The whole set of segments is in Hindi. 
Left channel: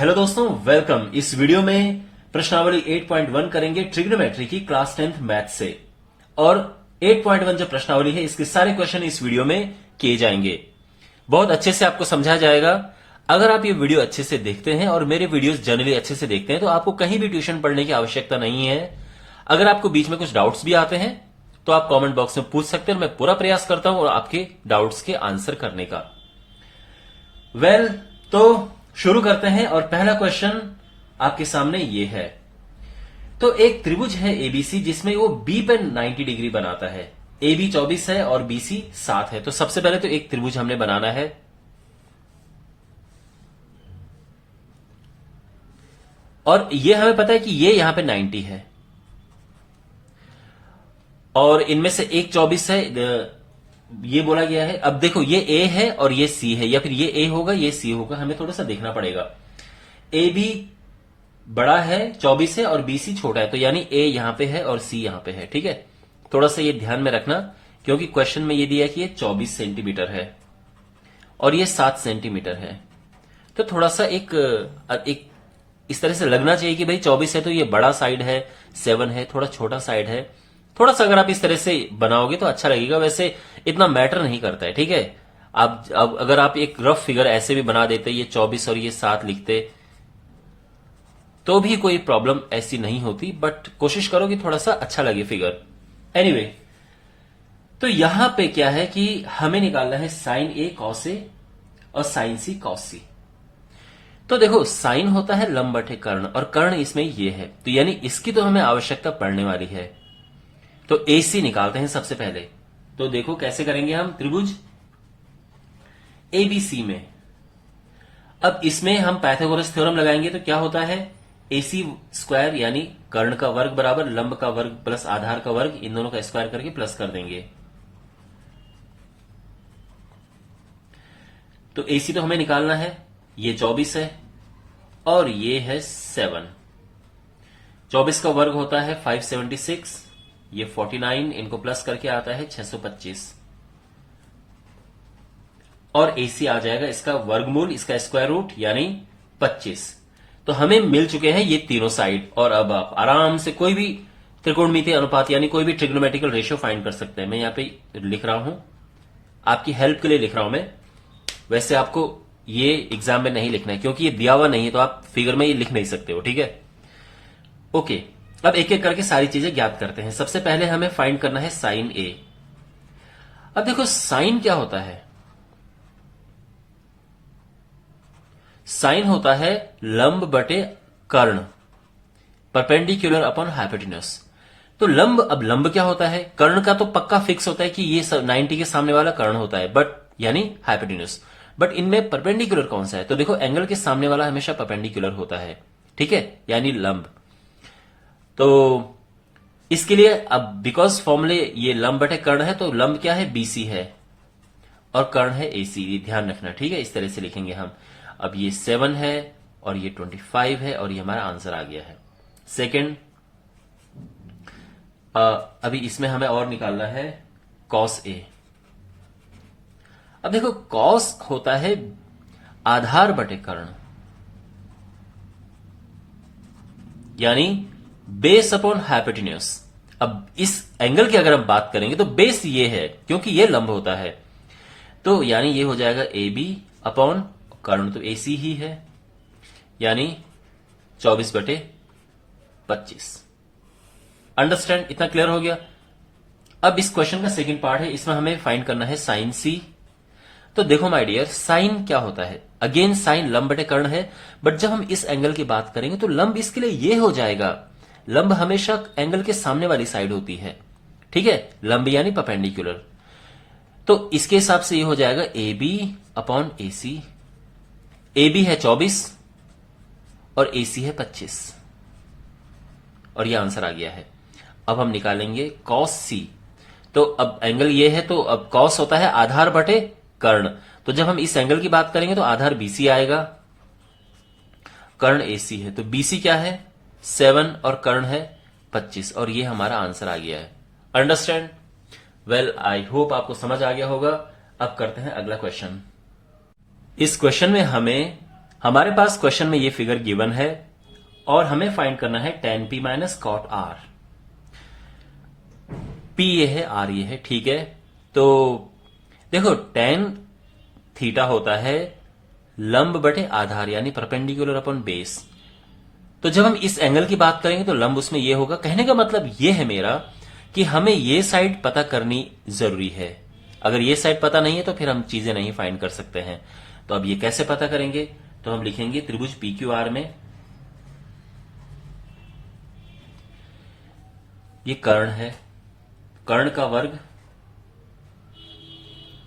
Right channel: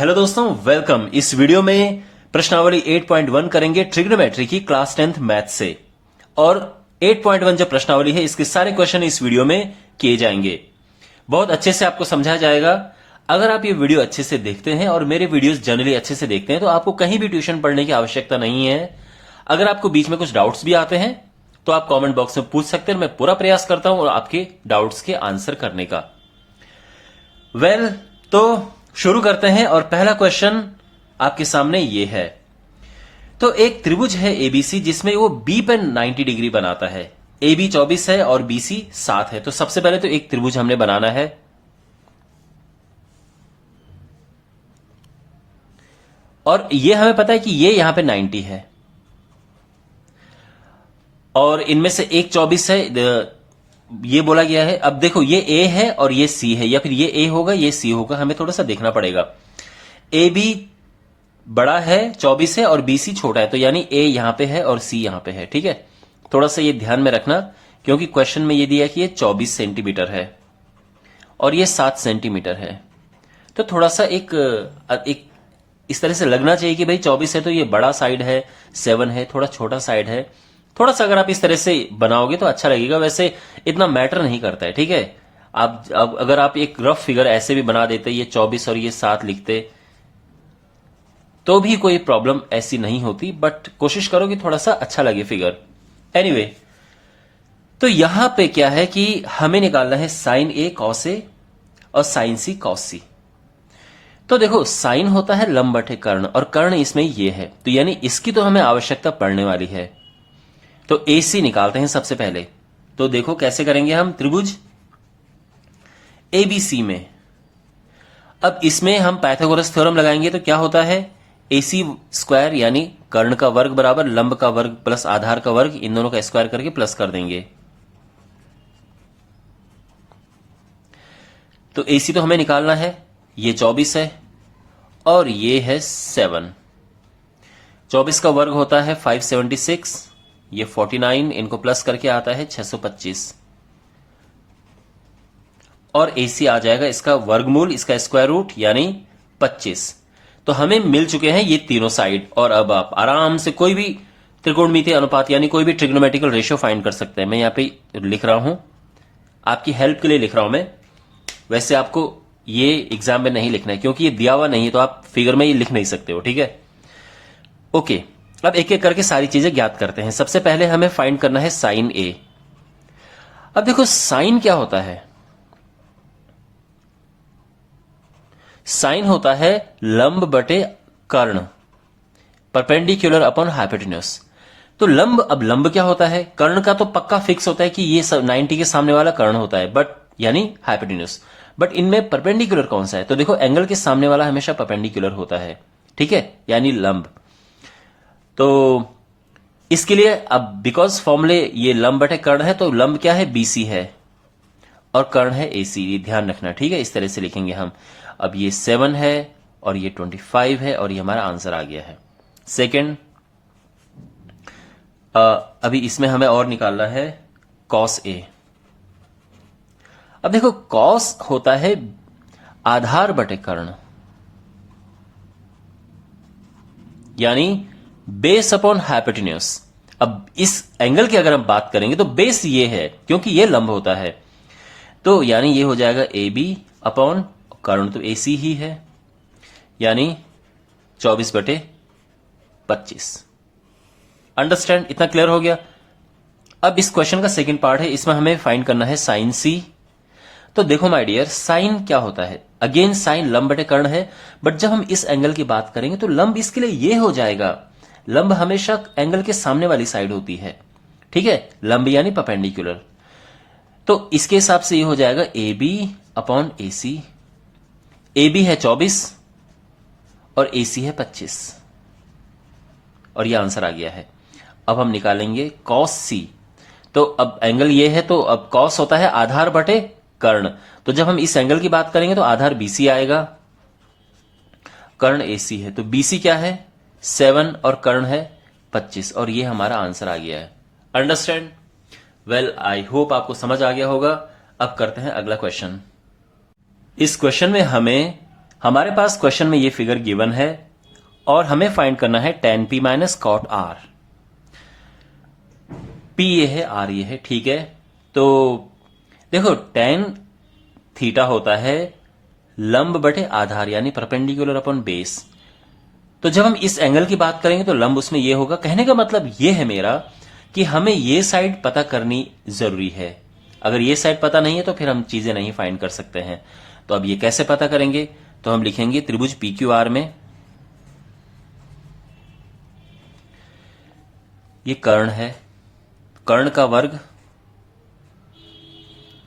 हेलो दोस्तों, वेलकम। इस वीडियो में प्रश्नावली 8.1 करेंगे ट्रिग्नोमेट्री की क्लास 10th मैथ से। और 8.1 जो प्रश्नावली है इसके सारे क्वेश्चन इस वीडियो में किए जाएंगे। बहुत अच्छे से आपको समझाया जाएगा। अगर आप ये वीडियो अच्छे से देखते हैं और मेरे वीडियोस जनरली अच्छे से देखते हैं तो आपको कहीं भी ट्यूशन पढ़ने की आवश्यकता नहीं है। अगर आपको बीच में कुछ डाउट्स भी आते हैं तो आप कॉमेंट बॉक्स में पूछ सकते हैं। मैं पूरा प्रयास करता हूं और आपके डाउट्स के आंसर करने का। तो शुरू करते हैं और पहला क्वेश्चन आपके सामने ये है। तो एक त्रिभुज है एबीसी जिसमें वो बी पे 90 डिग्री बनाता है। ए बी 24 है और बीसी 7 है। तो सबसे पहले तो एक त्रिभुज हमने बनाना है। और ये हमें पता है कि ये यहां पे 90 है और इनमें से एक 24 है, ये बोला गया है। अब देखो ये ए है और ये सी है, या फिर ये ए होगा ये सी होगा, हमें थोड़ा सा देखना पड़ेगा। ए बी बड़ा है 24 है और बी सी छोटा है, तो यानी ए यहां पे है और सी यहां पे है। ठीक है, थोड़ा सा ये ध्यान में रखना क्योंकि क्वेश्चन में ये दिया कि ये 24 सेंटीमीटर है और ये 7 सेंटीमीटर है। तो थोड़ा सा एक इस तरह से लगना चाहिए कि भाई 24 है तो ये बड़ा साइड है, 7 है थोड़ा छोटा साइड है। थोड़ा सा अगर आप इस तरह से बनाओगे तो अच्छा लगेगा। वैसे इतना मैटर नहीं करता है। ठीक है, आप अब अगर आप एक रफ फिगर ऐसे भी बना देते, ये 24 और ये 7 लिखते तो भी कोई प्रॉब्लम ऐसी नहीं होती, बट कोशिश करो कि थोड़ा सा अच्छा लगे फिगर। एनीवे, तो यहां पे क्या है कि हमें निकालना है साइन ए कॉस ए और साइन सी कॉस सी। तो देखो साइन होता है लंब बटे कर्ण और कर्ण इसमें ये है, तो यानी इसकी तो हमें आवश्यकता पड़ने वाली है। तो ए सी निकालते हैं सबसे पहले। तो देखो कैसे करेंगे हम त्रिभुज एबीसी में। अब इसमें हम पाइथागोरस थ्योरम लगाएंगे। तो क्या होता है, एसी स्क्वायर यानी कर्ण का वर्ग बराबर लंब का वर्ग प्लस आधार का वर्ग, इन दोनों का स्क्वायर करके प्लस कर देंगे। तो एसी तो हमें निकालना है, ये 24 है और ये है 7। 24 का वर्ग होता है 576, ये 49, इनको प्लस करके आता है 625 और एसी आ जाएगा इसका वर्गमूल, इसका स्क्वायर रूट यानी 25। तो हमें मिल चुके हैं ये तीनों साइड। और अब आप आराम से कोई भी त्रिकोणमितीय अनुपात यानी कोई भी ट्रिग्नोमेट्रिकल रेशियो फाइंड कर सकते हैं। मैं यहां पे लिख रहा हूं, आपकी हेल्प के लिए लिख रहा हूं मैं। वैसे आपको ये एग्जाम में नहीं लिखना है क्योंकि ये दिया हुआ नहीं है, तो आप फिगर में ये लिख नहीं सकते हो। ठीक है, ओके। अब एक एक करके सारी चीजें ज्ञात करते हैं। सबसे पहले हमें फाइंड करना है साइन ए। अब देखो साइन क्या होता है, साइन होता है लंब बटे कर्ण, परपेंडिकुलर अपॉन हाइपोटेन्यूज। तो लंब, अब लंब क्या होता है, कर्ण का तो पक्का फिक्स होता है कि ये 90 के सामने वाला कर्ण होता है, बट यानी हाइपोटेन्यूज। बट इनमें परपेंडिकुलर कौन सा है, तो देखो एंगल के सामने वाला हमेशा परपेंडिकुलर होता है। ठीक है, यानी लंब। तो इसके लिए अब बिकॉज फॉर्मूले ये लंब बटे कर्ण है, तो लंब क्या है, बीसी है और कर्ण है एसी। ये ध्यान रखना। ठीक है, इस तरह से लिखेंगे हम। अब ये 7 है और ये 25 है और ये हमारा आंसर आ गया है। सेकंड, अभी इसमें हमें और निकालना है कॉस ए। अब देखो कॉस होता है आधार बटे कर्ण, यानी बेस अपॉन हाइपोटेन्यूज। अब इस एंगल की अगर हम बात करेंगे तो बेस ये है क्योंकि ये लंब होता है, तो यानी ये हो जाएगा ए बी अपॉन कर्ण तो एसी ही है, यानी 24 बटे 25। अंडरस्टैंड, इतना क्लियर हो गया। अब इस क्वेश्चन का सेकंड पार्ट है, इसमें हमें फाइंड करना है साइन सी। तो देखो माय डियर, साइन क्या होता है, अगेन साइन लंब बटे कर्ण है, बट जब हम इस एंगल की बात करेंगे तो लंब इसके लिए ये हो जाएगा। लंब हमेशा एंगल के सामने वाली साइड होती है। ठीक है, लंब यानी परपेंडिकुलर। तो इसके हिसाब से ये हो जाएगा A B upon A C. A B है 24 और ए सी है 25 और ये आंसर आ गया है। अब हम निकालेंगे कॉस सी। तो अब एंगल ये है, तो अब कॉस होता है आधार बटे कर्ण, तो जब हम इस एंगल की बात करेंगे तो आधार बीसी आएगा, कर्ण एसी है। तो बीसी क्या है 7 और कर्ण है 25 और ये हमारा आंसर आ गया है। अंडरस्टैंड, वेल आई होप आपको समझ आ गया होगा। अब करते हैं अगला क्वेश्चन। इस क्वेश्चन में हमें हमारे पास क्वेश्चन में ये फिगर गिवन है और हमें फाइंड करना है tan p minus cot r। p ये है, r ये है, ठीक है। तो देखो tan थीटा होता है लंब बटे आधार यानी परपेंडिकुलर अपॉन बेस। तो जब हम इस एंगल की बात करेंगे तो लंब उसमें ये होगा। कहने का मतलब ये है मेरा कि हमें ये साइड पता करनी जरूरी है। अगर ये साइड पता नहीं है तो फिर हम चीजें नहीं फाइंड कर सकते हैं। तो अब ये कैसे पता करेंगे? तो हम लिखेंगे त्रिभुज PQR में ये कर्ण है, कर्ण का वर्ग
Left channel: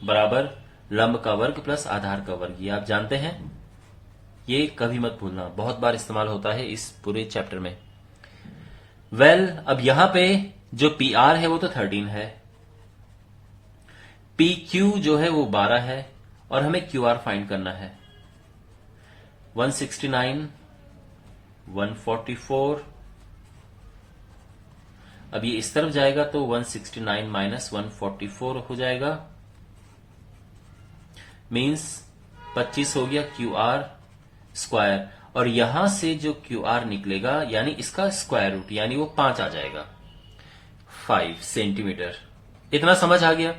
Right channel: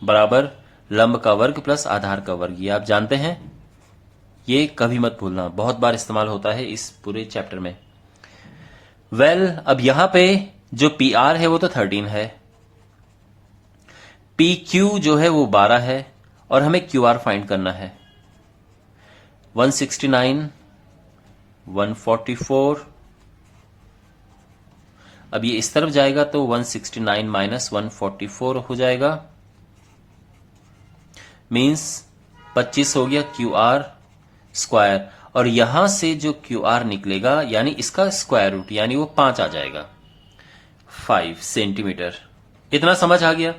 बराबर लंब का वर्ग प्लस आधार का वर्ग। ये आप जानते हैं, ये कभी मत भूलना, बहुत बार इस्तेमाल होता है इस पूरे चैप्टर में। अब यहां पे जो PR है वो तो 13 है, PQ जो है वो 12 है और हमें QR फाइंड करना है। 169, 144। अब ये इस तरफ जाएगा तो 169 माइनस 144 हो जाएगा, मीन्स 25 हो गया QR स्क्वायर। और यहां से जो QR निकलेगा यानी इसका स्क्वायर रूट यानी वो 5 आ जाएगा, 5 सेंटीमीटर। इतना समझ आ गया?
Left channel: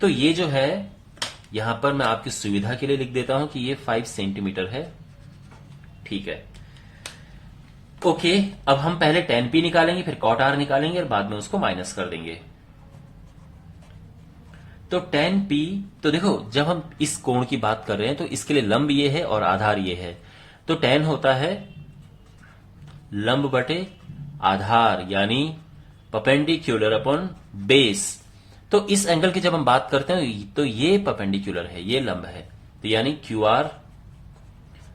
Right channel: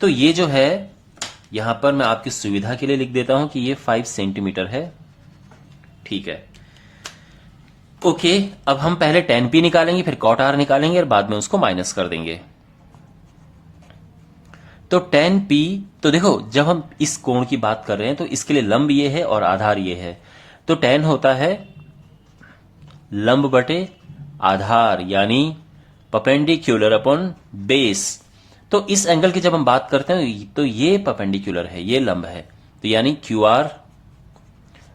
तो ये जो है यहां पर मैं आपकी सुविधा के लिए लिख देता हूं कि ये 5 सेंटीमीटर है, ठीक है। ओके, अब हम पहले tan p निकालेंगे, फिर cot r निकालेंगे और बाद में उसको माइनस कर देंगे। तो tan p, तो देखो जब हम इस कोण की बात कर रहे हैं तो इसके लिए लंब ये है और आधार ये है। तो tan होता है लंब बटे आधार यानी परपेंडिकुलर अपॉन बेस। तो इस एंगल की जब हम बात करते हैं तो ये परपेंडिकुलर है, ये लंब है, तो यानी QR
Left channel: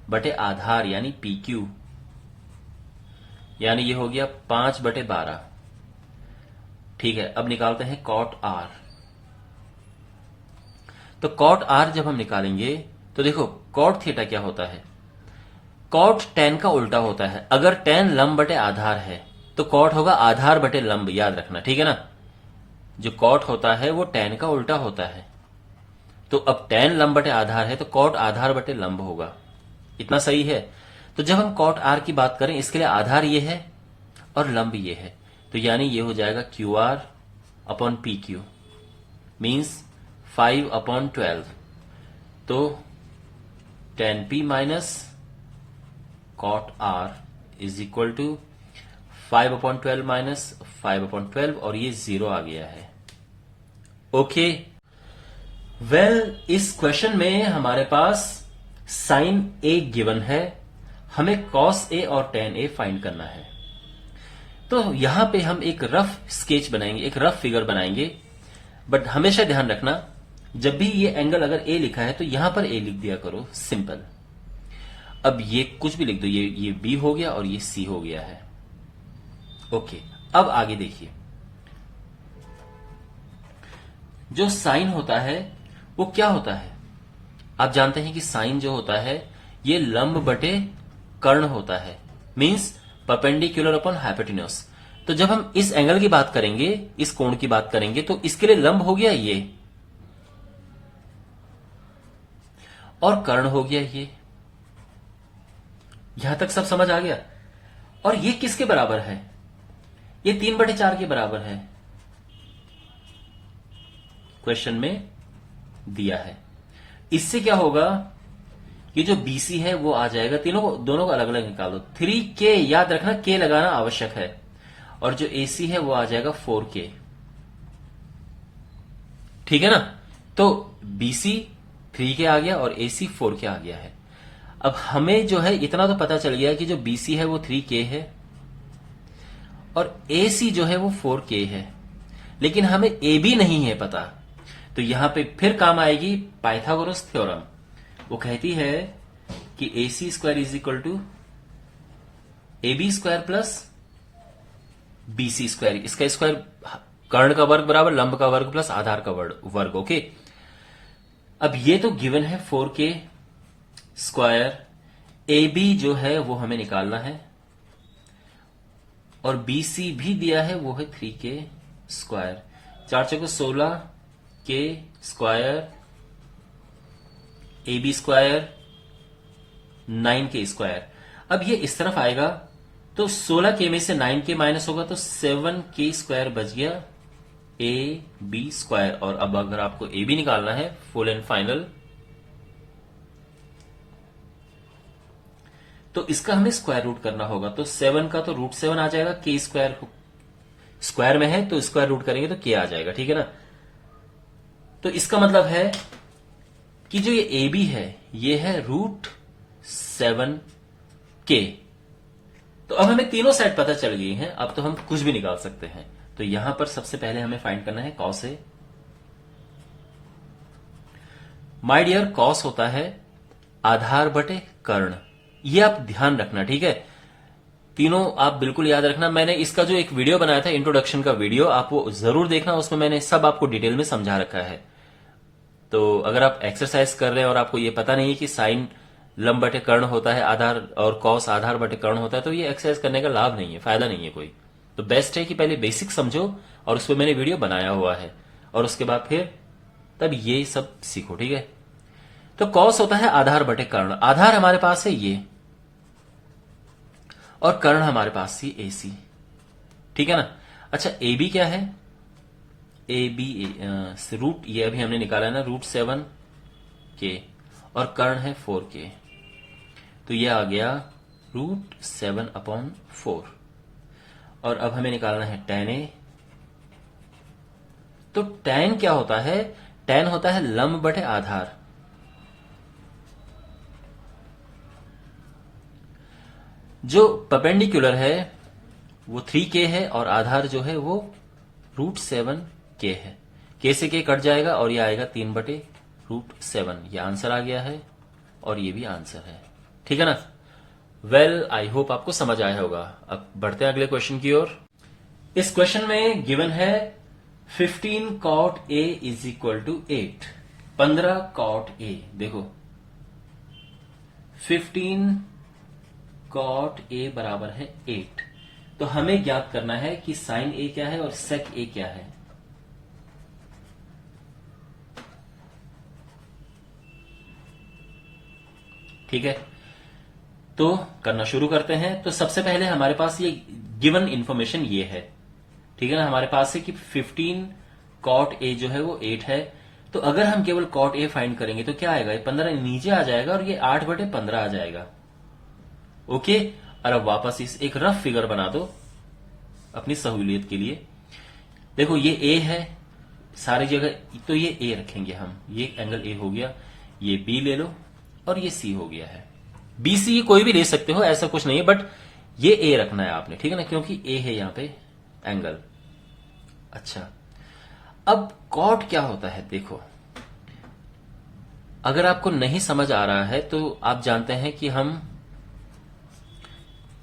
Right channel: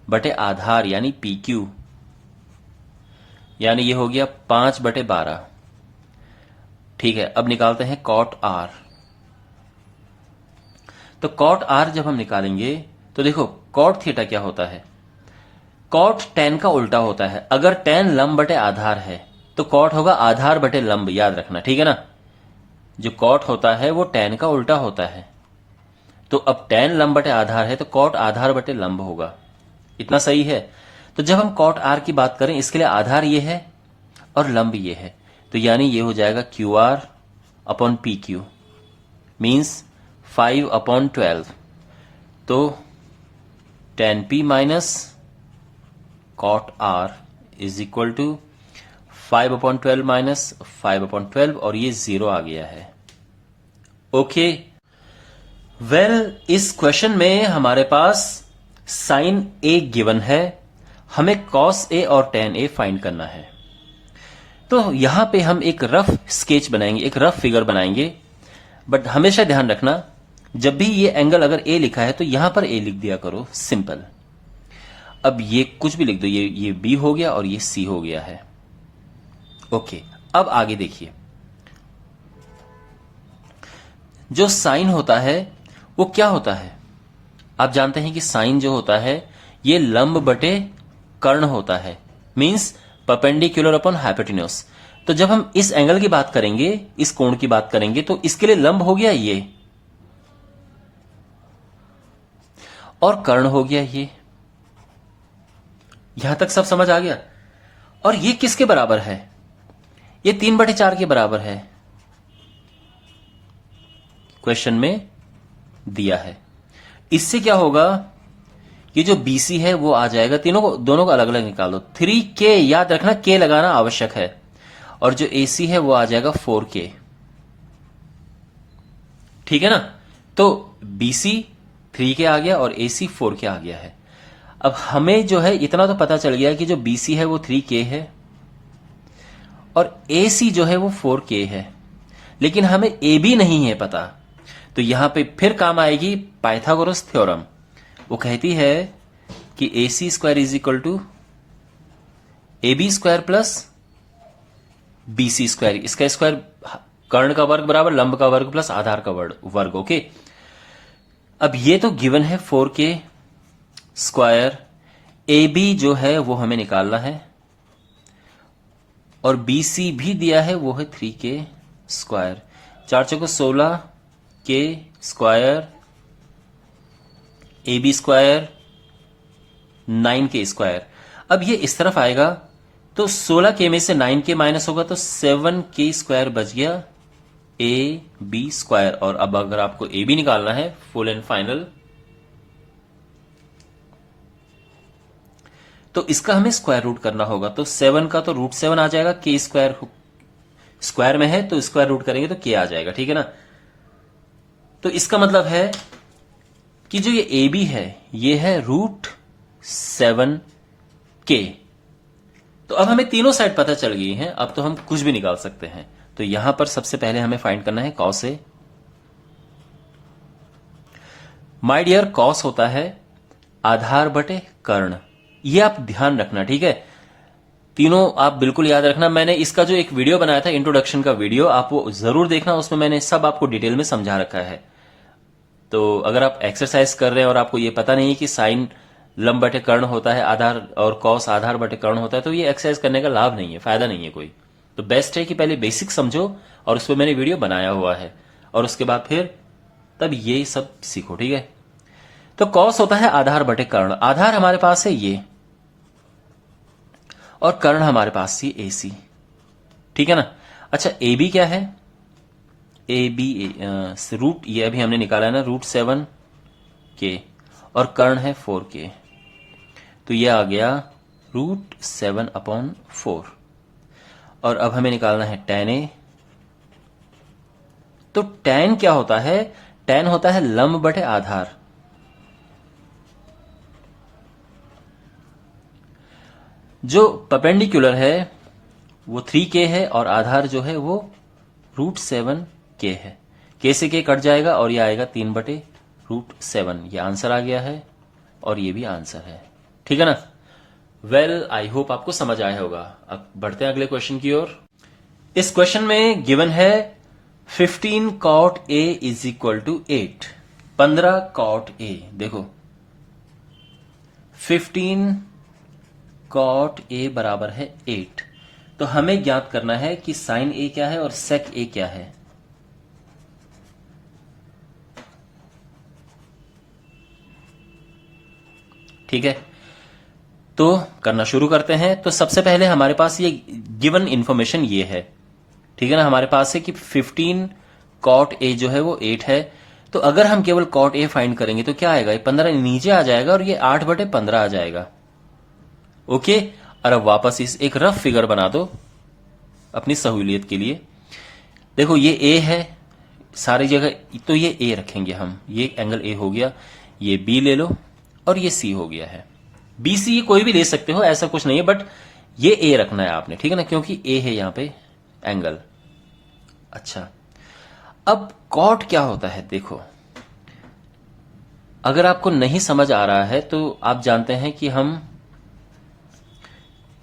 बटे आधार यानी PQ, यानी ये हो गया 5/12। ठीक है, अब निकालते हैं cot r। तो cot r जब हम निकालेंगे तो देखो cot थीटा क्या होता है? cot tan का उल्टा होता है। अगर tan लंब बटे आधार है तो cot होगा आधार बटे लंब, याद रखना, ठीक है ना। जो cot होता है वो tan का उल्टा होता है। तो अब tan लंब बटे आधार है तो cot आधार बटे लंब होगा। इतना सही है? तो जब हम cot r की बात करें इसके लिए आधार ये है और लंब ये है, तो यानी ये हो जाएगा QR अपॉन PQ मीन्स 5/12। तो tan p minus cot r is equal to 5/12 minus 5/12 और ये 0 आ गया है। ओके, इस क्वेश्चन में हमारे पास साइन A गिवन है, हमें cos A और tan A फाइंड करना है। तो यहां पे हम एक रफ स्केच बनाएंगे, एक रफ फिगर बनाएंगे, बट हमेशा ध्यान रखना जब भी ये एंगल अगर A लिखा है तो यहां पर A लिख दिया करो, सिंपल। अब ये कुछ भी लिख दो, ये B हो गया और ये C हो गया है। ओके, अब आगे देखिए, जो साइन होता है वो क्या होता है? आप जानते हैं कि साइन जो होता है ये लंब बटे कर्ण होता है, मींस परपेंडिकुलर अपॉन हाइपोटेन्यूज। तो जब हम इस एंगल की बात करेंगे, इस कोण की बात करेंगे, तो इसके लिए लंब हो गया ये और कर्ण हो गया ये। यहां तक सब समझ आ गया? और ये किसके बराबर है? ये 3/4 के बराबर है, क्वेश्चन में दिया है। इससे क्या होगा, ये जो BC है वो आ जाएगा, दोनों को अलग अलग निकालो। 3K, याद रखना K लगाना आवश्यक है, और जो AC है वो आ जाएगा 4K, ठीक है ना। तो BC 3K आ गया और AC 4K आ गया है। अब हमें जो है इतना तो पता चल गया कि जो BC है वो 3K है और AC जो है वो 4K है, लेकिन हमें AB नहीं है पता। तो यहां पे फिर काम आएगी पाइथागोरस थ्योरम। वो कहती है कि AC square is equal to AB square plus BC square. इसका स्क्वायर कर्ण का वर्ग बराबर लंब का वर्ग प्लस आधार का वर्ग। ओके, अब ये तो गिवन है 4K स्क्वायर। AB जो है वो हमें निकालना है और BC भी दिया है, वो है 3K स्क्वायर। 4 चौको 16K square, AB square 9k²। अब ये इस तरफ आएगा तो 16k में से 9k माइनस होगा तो 7k² बच गया AB²। और अब अगर आपको AB निकालना है फुल एंड फाइनल, तो इसका हमें स्क्वायर रूट करना होगा। तो 7 का तो √7 आ जाएगा, k² स्क्वायर में है तो स्क्वायर रूट करेंगे तो k आ जाएगा, ठीक है ना। तो इसका मतलब है कि जो ये AB है ये है √7k। तो अब हमें तीनों साइड पता चल गई हैं, अब तो हम कुछ भी निकाल सकते हैं। तो यहां पर सबसे पहले हमें फाइंड करना है cos A। My dear, cos होता है आधार बटे कर्ण। ये आप ध्यान रखना, ठीक है। तीनों आप बिल्कुल याद रखना। मैंने इसका जो एक वीडियो बनाया था, इंट्रोडक्शन का वीडियो, आप वो जरूर देखना, उसमें मैंने सब आपको डिटेल में समझा रखा है। तो अगर आप एक्सरसाइज कर रहे हैं और आपको ये पता नहीं है कि साइन लंब बटे कर्ण होता है आधार और कॉस आधार बटे कर्ण होता है, तो ये एक्सरसाइज करने का लाभ नहीं है, फायदा नहीं है कोई। तो बेस्ट है कि पहले बेसिक समझो, और उस पर मैंने वीडियो बनाया हुआ है, और उसके बाद फिर तब ये सब सीखो, ठीक है। तो कॉस होता है आधार बटे कर्ण। आधार हमारे पास है ये, और कर्ण हमारे पास ये AC, ठीक है ना। अच्छा, AB क्या है? AB रूट, ये अभी हमने निकाला है ना, √7k, और कर्ण है 4k, तो ये आ गया √7/4। और अब हमें निकालना है tan A। तो tan क्या होता है? tan होता है लंब बटे आधार। जो परपेंडिकुलर है वो 3k है, और आधार जो है वो √7k है। k से k कट जाएगा और ये आएगा 3/√7। ये आंसर आ गया है, और ये भी आंसर है, ठीक है ना। वेल, आई होप आपको समझ आया होगा। अब बढ़ते हैं अगले क्वेश्चन की ओर। इस क्वेश्चन में गिवन है 15 cot A = 8। 15 cot A, देखो 15 cot A बराबर है 8। तो हमें ज्ञात करना है कि साइन A क्या है और सेक A क्या है। ठीक है, तो करना शुरू करते हैं। तो सबसे पहले हमारे पास ये गिवन इंफॉर्मेशन ये है, ठीक है ना। हमारे पास है कि 15 cot A जो है वो 8 है। तो अगर हम केवल cot A फाइंड करेंगे तो क्या आएगा? ये 15 नीचे आ जाएगा और ये 8/15 आ जाएगा। ओके, और अब वापस इस एक रफ फिगर बना दो अपनी सहूलियत के लिए। देखो ये A है सारी जगह, तो ये A रखेंगे हम, ये एंगल A हो गया। ये B ले लो और ये C हो गया है। BC कोई भी ले सकते हो, ऐसा कुछ नहीं है, बट ये A रखना है आपने, ठीक है ना, क्योंकि A है यहां पे एंगल। अच्छा, अब कॉट क्या होता है? देखो, अगर आपको नहीं समझ आ रहा है तो आप जानते हैं कि हम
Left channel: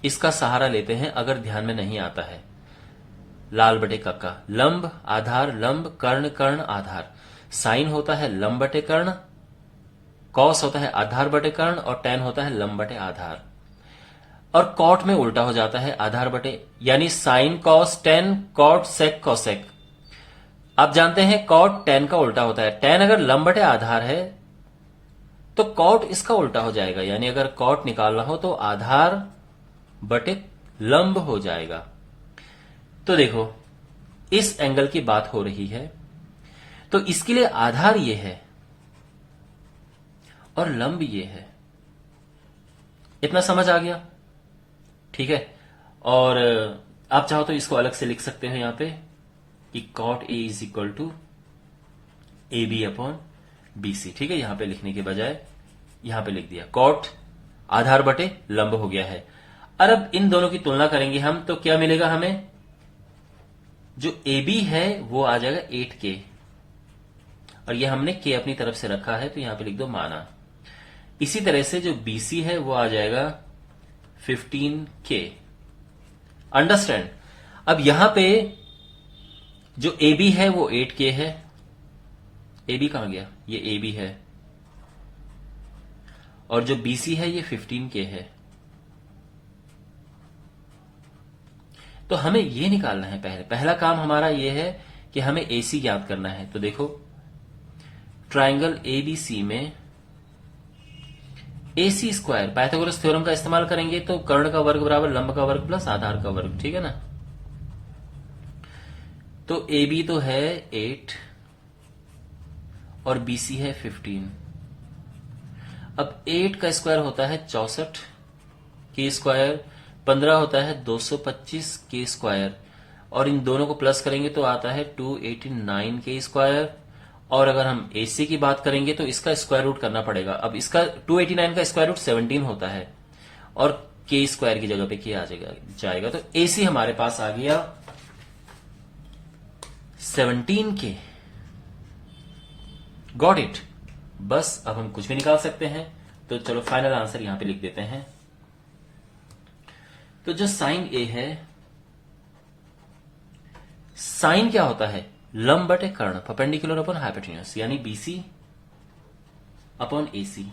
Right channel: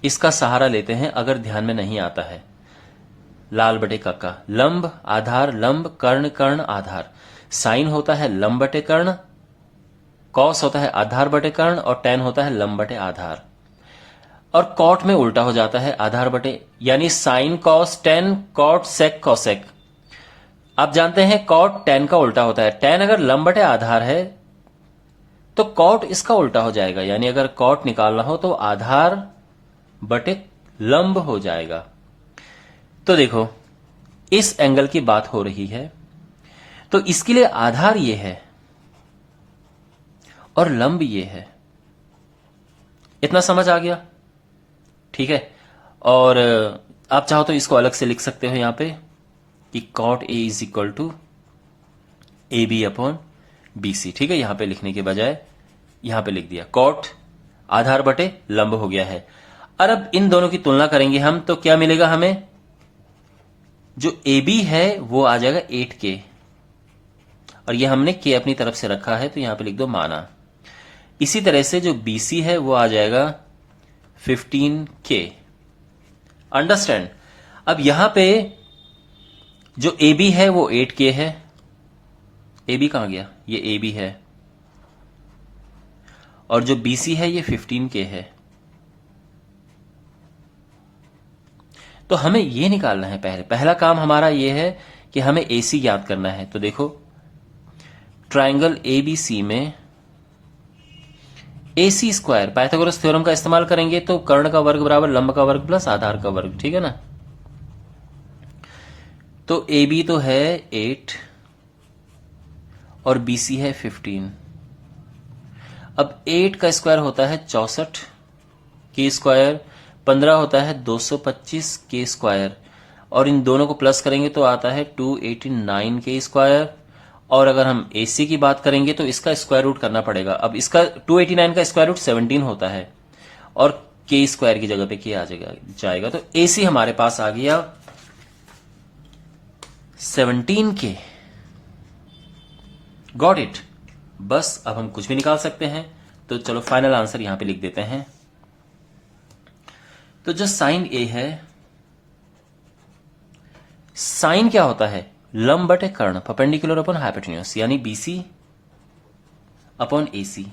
इसका सहारा लेते हैं अगर ध्यान में नहीं आता है। लाल बटे कक्का, लंब आधार लंब, कर्ण कर्ण आधार। साइन होता है लंब बटे कर्ण, कॉस होता है आधार बटे कर्ण, और टेन होता है लंब बटे आधार। और कॉट में उल्टा हो जाता है आधार बटे, यानी sine cos tan, cot sec cosec. आप जानते हैं कॉट टेन का उल्टा होता है। टेन अगर लंब बटे आधार है तो कॉट इसका उल्टा हो जाएगा, यानी अगर कॉट निकालना हो तो आधार बटे लंब हो जाएगा। तो देखो, इस एंगल की बात हो रही है, तो इसके लिए आधार ये है और लंब ये है। इतना समझ आ गया? ठीक है। और आप चाहो तो इसको अलग से लिख सकते हो यहां पे कि cot A = AB/BC। ठीक है, यहां पे लिखने के बजाय यहां पे लिख दिया cot आधार बटे लंब हो गया है। और अब इन दोनों की तुलना करेंगे हम, तो क्या मिलेगा हमें? जो AB है वो आ जाएगा 8k, और ये हमने k अपनी तरफ से रखा है तो यहां पे लिख दो माना। इसी तरह से जो BC है वो आ जाएगा 15k। अंडरस्टैंड? अब यहां पे जो AB है वो 8k है। AB कहां गया? ये AB है। और जो BC है ये 15k है। तो हमें ये निकालना है। पहला काम हमारा ये है कि हमें AC याद करना है। तो देखो, ट्रायंगल ABC में AC स्क्वायर, पाइथागोरस थ्योरम का इस्तेमाल करेंगे तो कर्ण का वर्ग बराबर लंब का वर्ग प्लस आधार का वर्ग, ठीक है ना। तो AB तो है 8 और BC है 15। अब 8 का स्क्वायर होता है 64 के स्क्वायर, 15 होता है 225 के स्क्वायर, और इन दोनों को प्लस करेंगे तो आता है 289 के स्क्वायर। और अगर हम AC की बात करेंगे तो इसका स्क्वायर रूट करना पड़ेगा। अब इसका 289 का स्क्वायर रूट 17 होता है और के स्क्वायर की जगह पे के आ जाएगा। तो AC हमारे पास आ गया 17 के। Got it. बस अब हम कुछ भी निकाल सकते हैं। तो चलो फाइनल आंसर यहां पे लिख देते हैं। तो जो साइन A है, साइन क्या होता है, लंब बटे कर्ण, परपेंडिकुलर अपॉन हाइपोटेन्यूज, यानी BC अपॉन AC।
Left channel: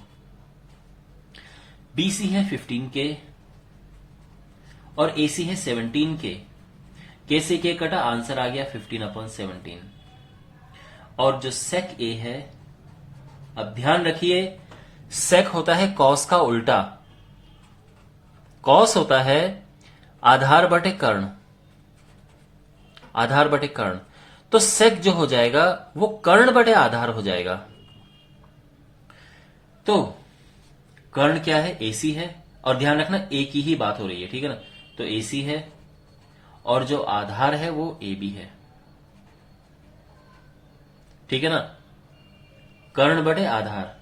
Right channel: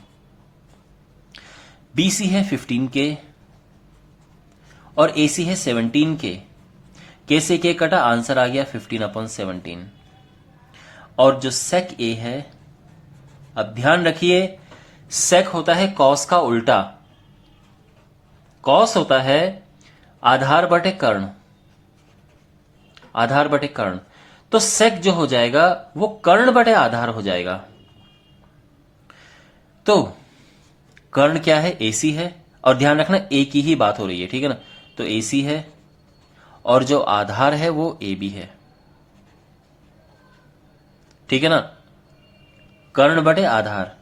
BC है 15 के और AC है 17 के से के कटा, आंसर आ गया 15 अपॉन 17। और जो सेक A है, अब ध्यान रखिए सेक होता है कॉस का उल्टा, कॉस होता है आधार बटे कर्ण, आधार बटे कर्ण। तो सेक जो हो जाएगा वो कर्ण बटे आधार हो जाएगा। तो कर्ण क्या है, AC है, और ध्यान रखना A की ही बात हो रही है, ठीक है ना। तो AC है और जो आधार है वो AB है, ठीक है ना, कर्ण बटे आधार।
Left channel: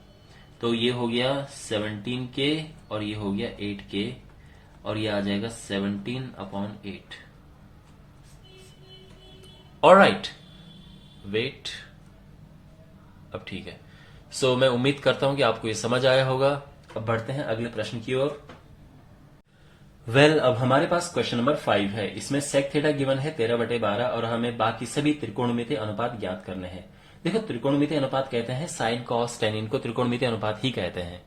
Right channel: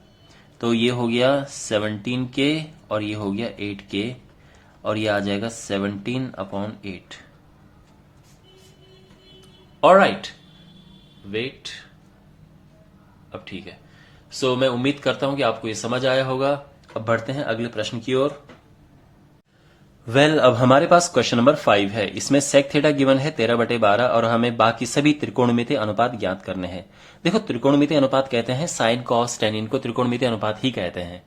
तो ये हो गया 17 के और ये हो गया 8 के, और ये आ जाएगा 17 अपॉन 8। ऑलराइट, वेट, अब ठीक है। सो मैं उम्मीद करता हूं कि आपको ये समझ आया होगा। अब बढ़ते हैं अगले प्रश्न की ओर। वेल, अब हमारे पास क्वेश्चन नंबर 5 है। इसमें सेक थीटा गिवन है 13/12 और हमें बाकी सभी त्रिकोणमितीय अनुपात ज्ञात करने हैं। देखो, त्रिकोणमितीय अनुपात कहते हैं साइन कॉस टेन, इनको त्रिकोणमितीय अनुपात ही कहते हैं।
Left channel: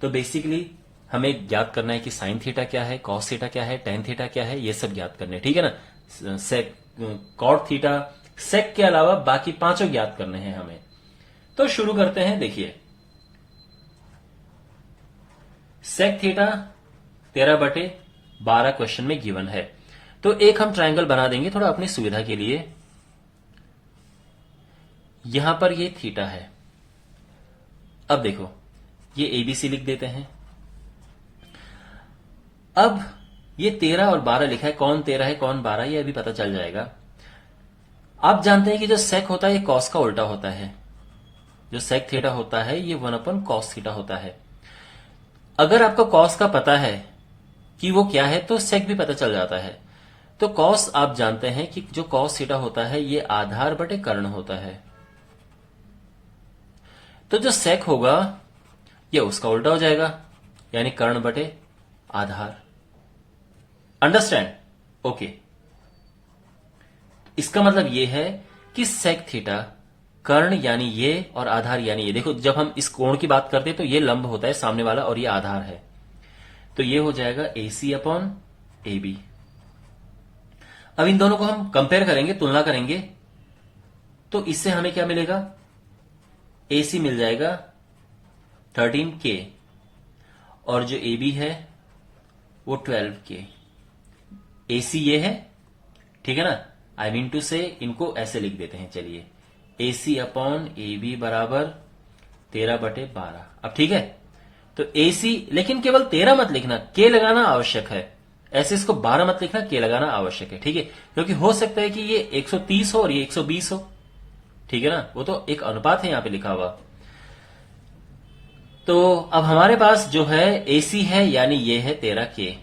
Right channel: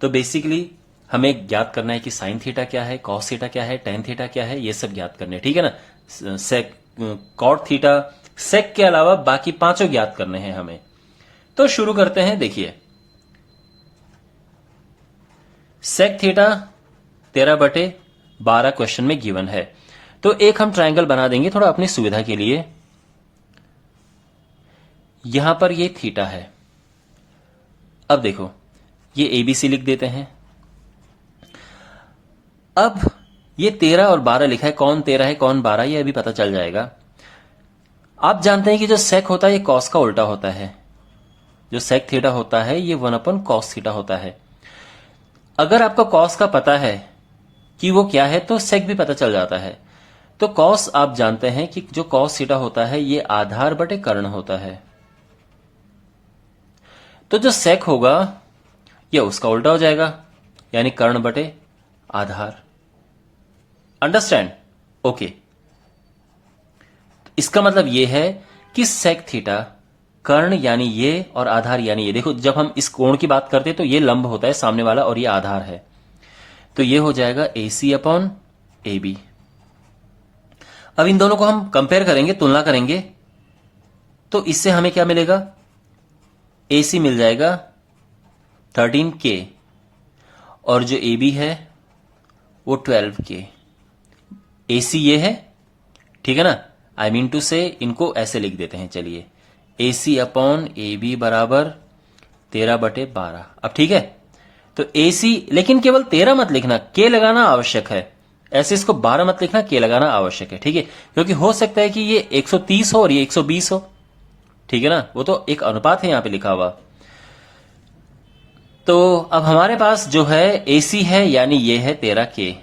तो बेसिकली हमें ज्ञात करना है कि साइन थीटा क्या है, कॉस थीटा क्या है, टेन थीटा क्या है, ये सब ज्ञात करने, ठीक है ना। सेक, कॉट थीटा, सेक के अलावा बाकी पांचों ज्ञात करने हैं हमें। तो शुरू करते हैं। देखिए, सेक थीटा 13/12 क्वेश्चन में गिवन है। तो एक हम ट्रायंगल बना देंगे थोड़ा अपनी सुविधा के लिए। यहां पर ये थीटा है। अब देखो, ये ABC लिख देते हैं। अब ये 13 और 12 लिखा है, कौन 13 है कौन 12, ये अभी पता चल जाएगा। आप जानते हैं कि जो सेक होता है ये कॉस का उल्टा होता है। जो सेक थीटा होता है ये 1/cos थीटा होता है। अगर आपको कॉस का पता है कि वो क्या है तो सेक भी पता चल जाता है। तो कॉस आप जानते हैं कि जो कॉस थीटा होता है ये आधार बटे कर्ण होता है। तो जो सेक होगा ये उसका उल्टा हो जाएगा, यानी कर्ण बटे आधार। अंडरस्टैंड? ओके। इसका मतलब ये है कि सेक थीटा कर्ण यानी ये और आधार यानी ये। देखो, जब हम इस कोण की बात करते हैं तो ये लंब होता है सामने वाला और ये आधार है। तो ये हो जाएगा AC अपॉन AB। अब इन दोनों को हम कंपेयर करेंगे, तुलना करेंगे, तो इससे हमें क्या मिलेगा, AC मिल जाएगा 13K और जो AB है वो 12K। AC ये है, ठीक है ना। आई मीन टू से इनको ऐसे लिख देते हैं। चलिए, AC अपॉन AB बराबर 13/12। अब ठीक है, तो AC, लेकिन केवल 13 मत लिखना, K लगाना आवश्यक है। ऐसे इसको 12 मत लिखना, K लगाना आवश्यक है, ठीक है। क्योंकि हो सकता है कि ये 130 हो और ये 120 हो, ठीक है ना। वो तो एक अनुपात है यहां पे लिखा हुआ। तो अब हमारे पास जो है AC है, यानी ये है 13K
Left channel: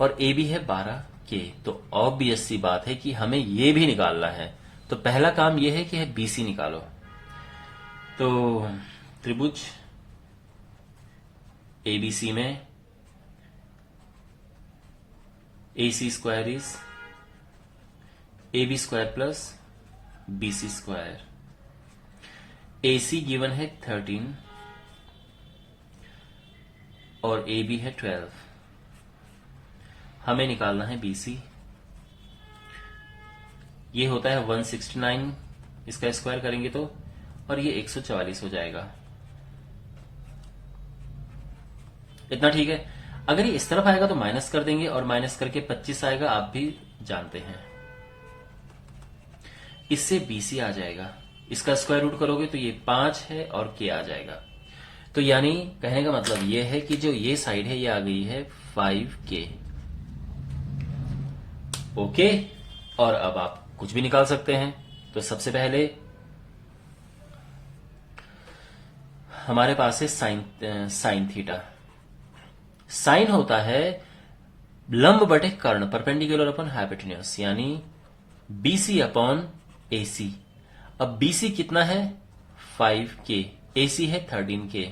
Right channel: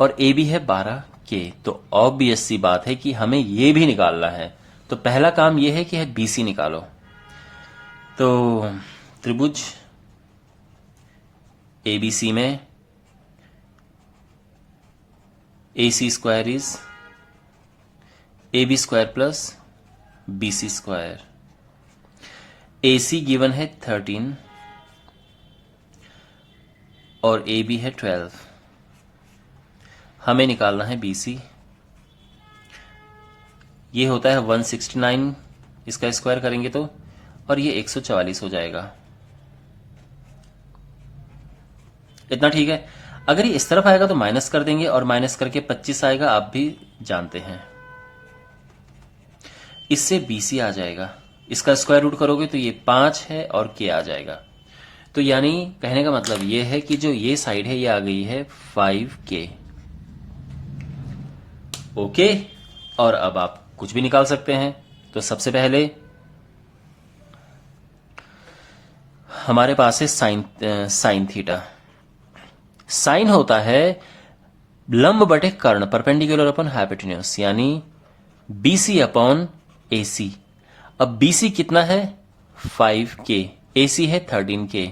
और AB है 12K। तो ऑब्वियस सी बात है कि हमें ये भी निकालना है। तो पहला काम ये है कि है BC निकालो। तो त्रिभुज ABC में AC square is AB square plus BC square. AC given है 13 और AB है 12। हमें निकालना है BC। ये होता है 169, इसका स्क्वायर करेंगे तो, और ये 144 हो जाएगा। इतना ठीक है। अगर ये इस तरफ आएगा तो माइनस कर देंगे, और माइनस करके 25 आएगा, आप भी जानते हैं। इससे BC आ जाएगा, इसका स्क्वायर रूट करोगे तो ये 5 है और K आ जाएगा। तो यानी कहने का मतलब ये है कि जो ये साइड है ये आ गई है 5K। ओके, और अब आप कुछ भी निकाल सकते हैं। तो सबसे पहले हमारे पास है साइन थीटा। साइन होता है लंब बटे कर्ण, परपेंडिकुलर अपॉन हाइपोटेन्यूज, यानी BC अपॉन AC। अब BC कितना है 5K, AC है 13K,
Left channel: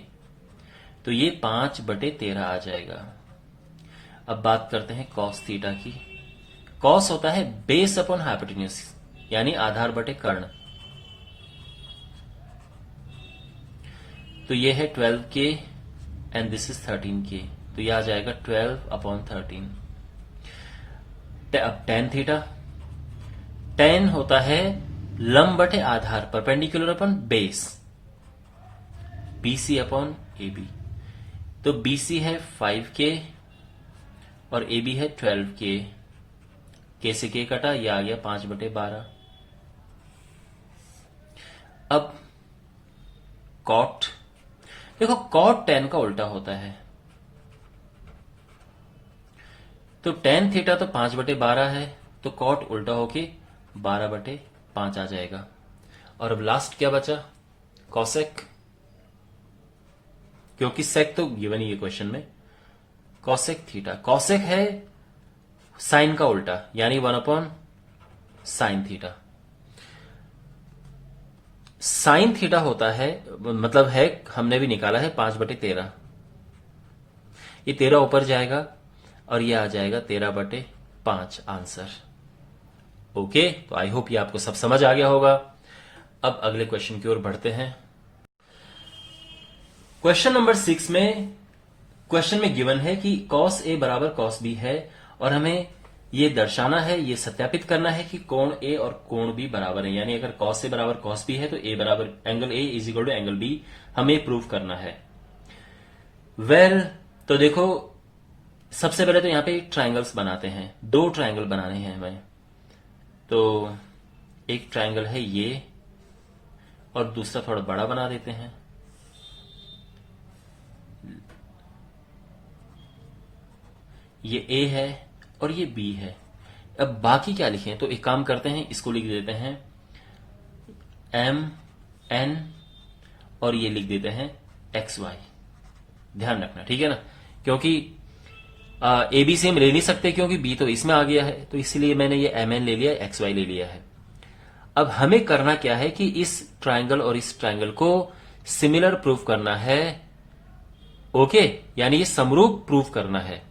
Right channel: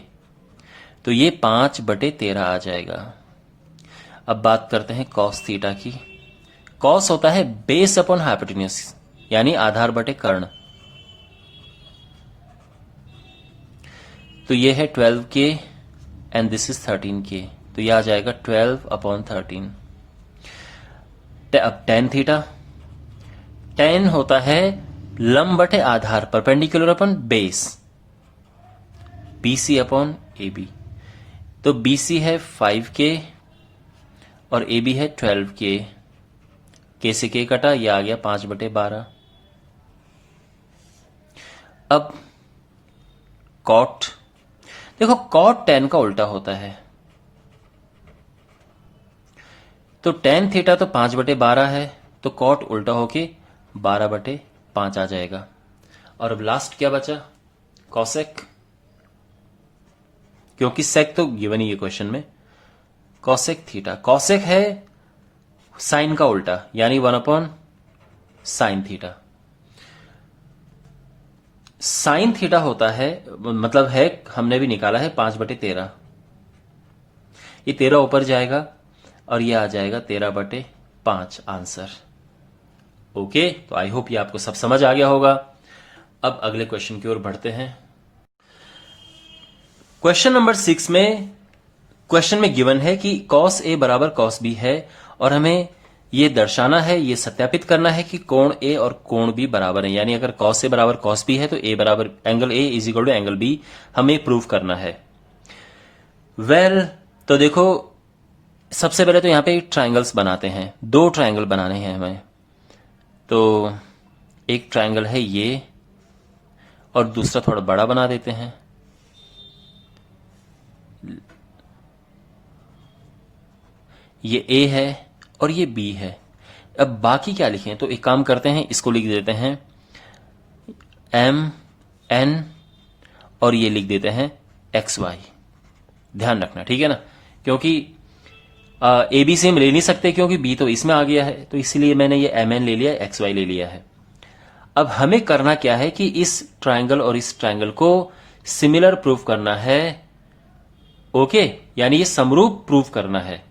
तो ये 5/13 आ जाएगा। अब बात करते हैं कॉस थीटा की। कॉस होता है बेस अपॉन हाइपोटेन्यूज, यानी आधार बटे कर्ण। तो ये है 12K and this is 13K, तो ये आ जाएगा 12/13। अब टेन थीटा, टेन होता है लंब बटे आधार, perpendicular upon base, BC upon AB। तो BC है 5K और AB है 12K, K से K कटा, ये आ गया 5/12। अब कॉट, देखो कॉट टेन का उल्टा होता है, तो टेन थीटा तो 5/12 है, तो कॉट उल्टा होके 12/5 आ जाएगा। और अब लास्ट क्या बचा, कॉसेक, क्योंकि सेक तो गिवन ही है क्वेश्चन में। कॉसेक थीटा, कॉसेक है साइन का उल्टा, यानी 1/sin थीटा। साइन थीटा होता है, मतलब है हमने भी निकाला है 5/13, ये 13 ऊपर जाएगा और ये आ जाएगा 13/5 आंसर। ओके, तो आई होप ये आपको सब समझ आ गया होगा। अब अगले क्वेश्चन की ओर बढ़ते हैं। क्वेश्चन नंबर 6 में, क्वेश्चन में गिवन है कि cos A बराबर cos B है, और हमें ये दर्शाना है, ये सत्यापित करना है कि कोण A और कोण B बराबर है। यानी अगर cos A बराबर cos B है तो A बराबर angle A is equal to angle B हमें प्रूव करना है। तो देखो सबसे पहले तो यहां पे ट्रायंगल्स बनाते हैं, 2 ट्रायंगल बनाने हैं हमें। तो एक ट्रायंगल है ये, और दूसरा थोड़ा बड़ा बना देते हैं। ये A है और ये B है। अब बाकी क्या लिखें, तो एक काम करते हैं, इसको लिख देते हैं MN और ये लिख देते हैं XY। ध्यान रखना, ठीक है ना, क्योंकि AB से हम ले नहीं सकते क्योंकि B तो इसमें आ गया है, तो इसलिए मैंने ये MN ले लिया, XY ले लिया है। अब हमें करना क्या है कि इस ट्रायंगल और इस ट्रायंगल को सिमिलर प्रूफ करना है। ओके, यानी ये समरूप प्रूफ करना है।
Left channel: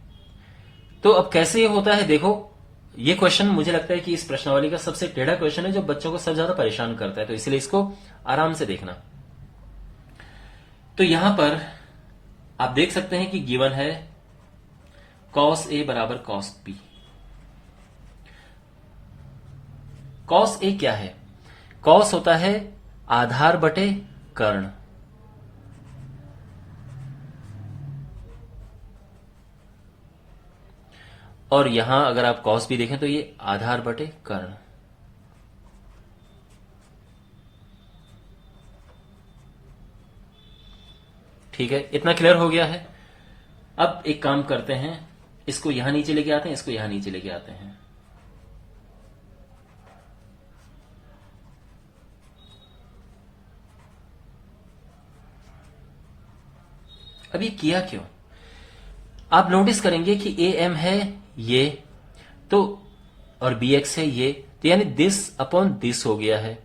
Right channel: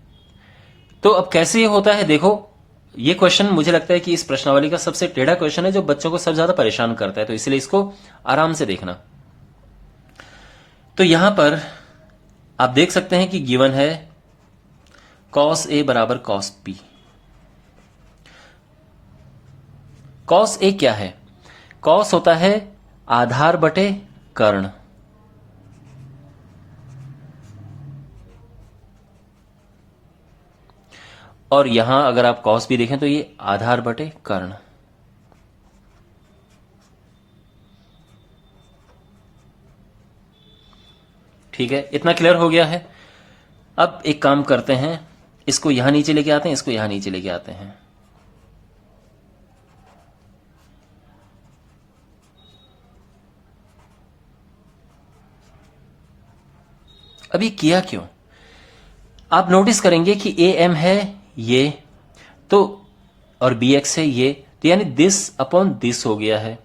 तो अब कैसे ये होता है, देखो ये क्वेश्चन मुझे लगता है कि इस प्रश्नावली का सबसे टेढ़ा क्वेश्चन है, जो बच्चों को सबसे ज्यादा परेशान करता है, तो इसलिए इसको आराम से देखना। तो यहां पर आप देख सकते हैं कि गिवन है cos A बराबर cos B। cos A क्या है, cos होता है आधार बटे कर्ण, और यहां अगर आप cos B देखें तो ये आधार बटे कर्ण। ठीक है, इतना क्लियर हो गया है। अब एक काम करते हैं, इसको यहां नीचे लेके आते हैं, इसको यहां नीचे लेके आते हैं। अब ये किया क्यों, आप नोटिस करेंगे कि AM है ये, तो और BX है ये, तो यानी दिस अपॉन दिस हो गया है,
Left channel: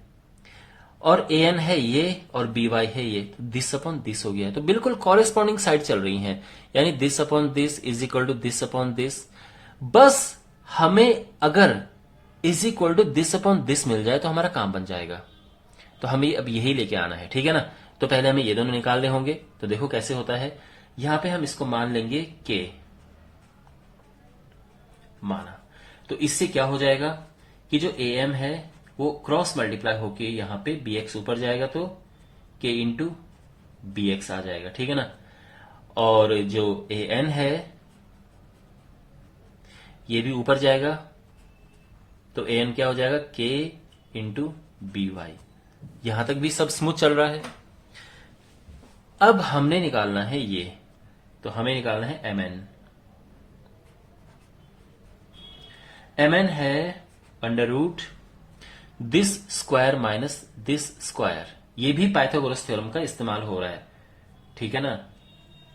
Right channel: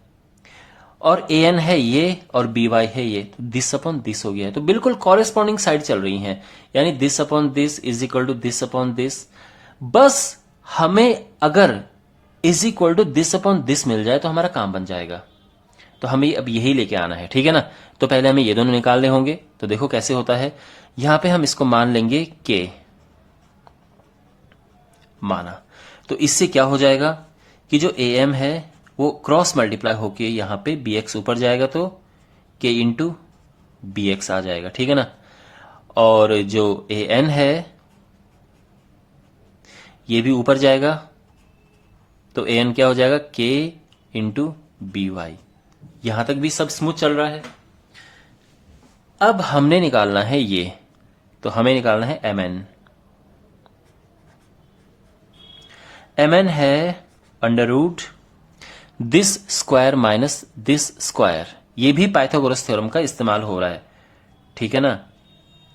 और AN है ये और BY है ये, तो दिस अपॉन दिस हो गया है। तो बिल्कुल कॉरेस्पॉन्डिंग साइड चल रही हैं, यानी this upon this is equal to this upon this. बस हमें अगर is equal to this upon this मिल जाए तो हमारा काम बन जाएगा। तो हमें अब यही लेके आना है, ठीक है ना। तो पहले हमें ये दोनों निकालने होंगे। तो देखो कैसे होता है, यहां पे हम इसको मान लेंगे K माना, तो इससे क्या हो जाएगा कि जो AM है वो क्रॉस मल्टीप्लाई होके यहां पे BX ऊपर जाएगा, तो K इंटू BX आ जाएगा, ठीक है ना। और जो ए एन है ये भी ऊपर जाएगा, तो ए एन क्या हो जाएगा, के इंटू बी वाई। यहां तक भी सब स्मूथ चल रहा है। अब हमने निकालना है ये, तो हमें निकालना है एम एन। एम एन है under root this square minus this square. ये भी पाइथागोरस थ्योरम का इस्तेमाल हो रहा है, ठीक है ना।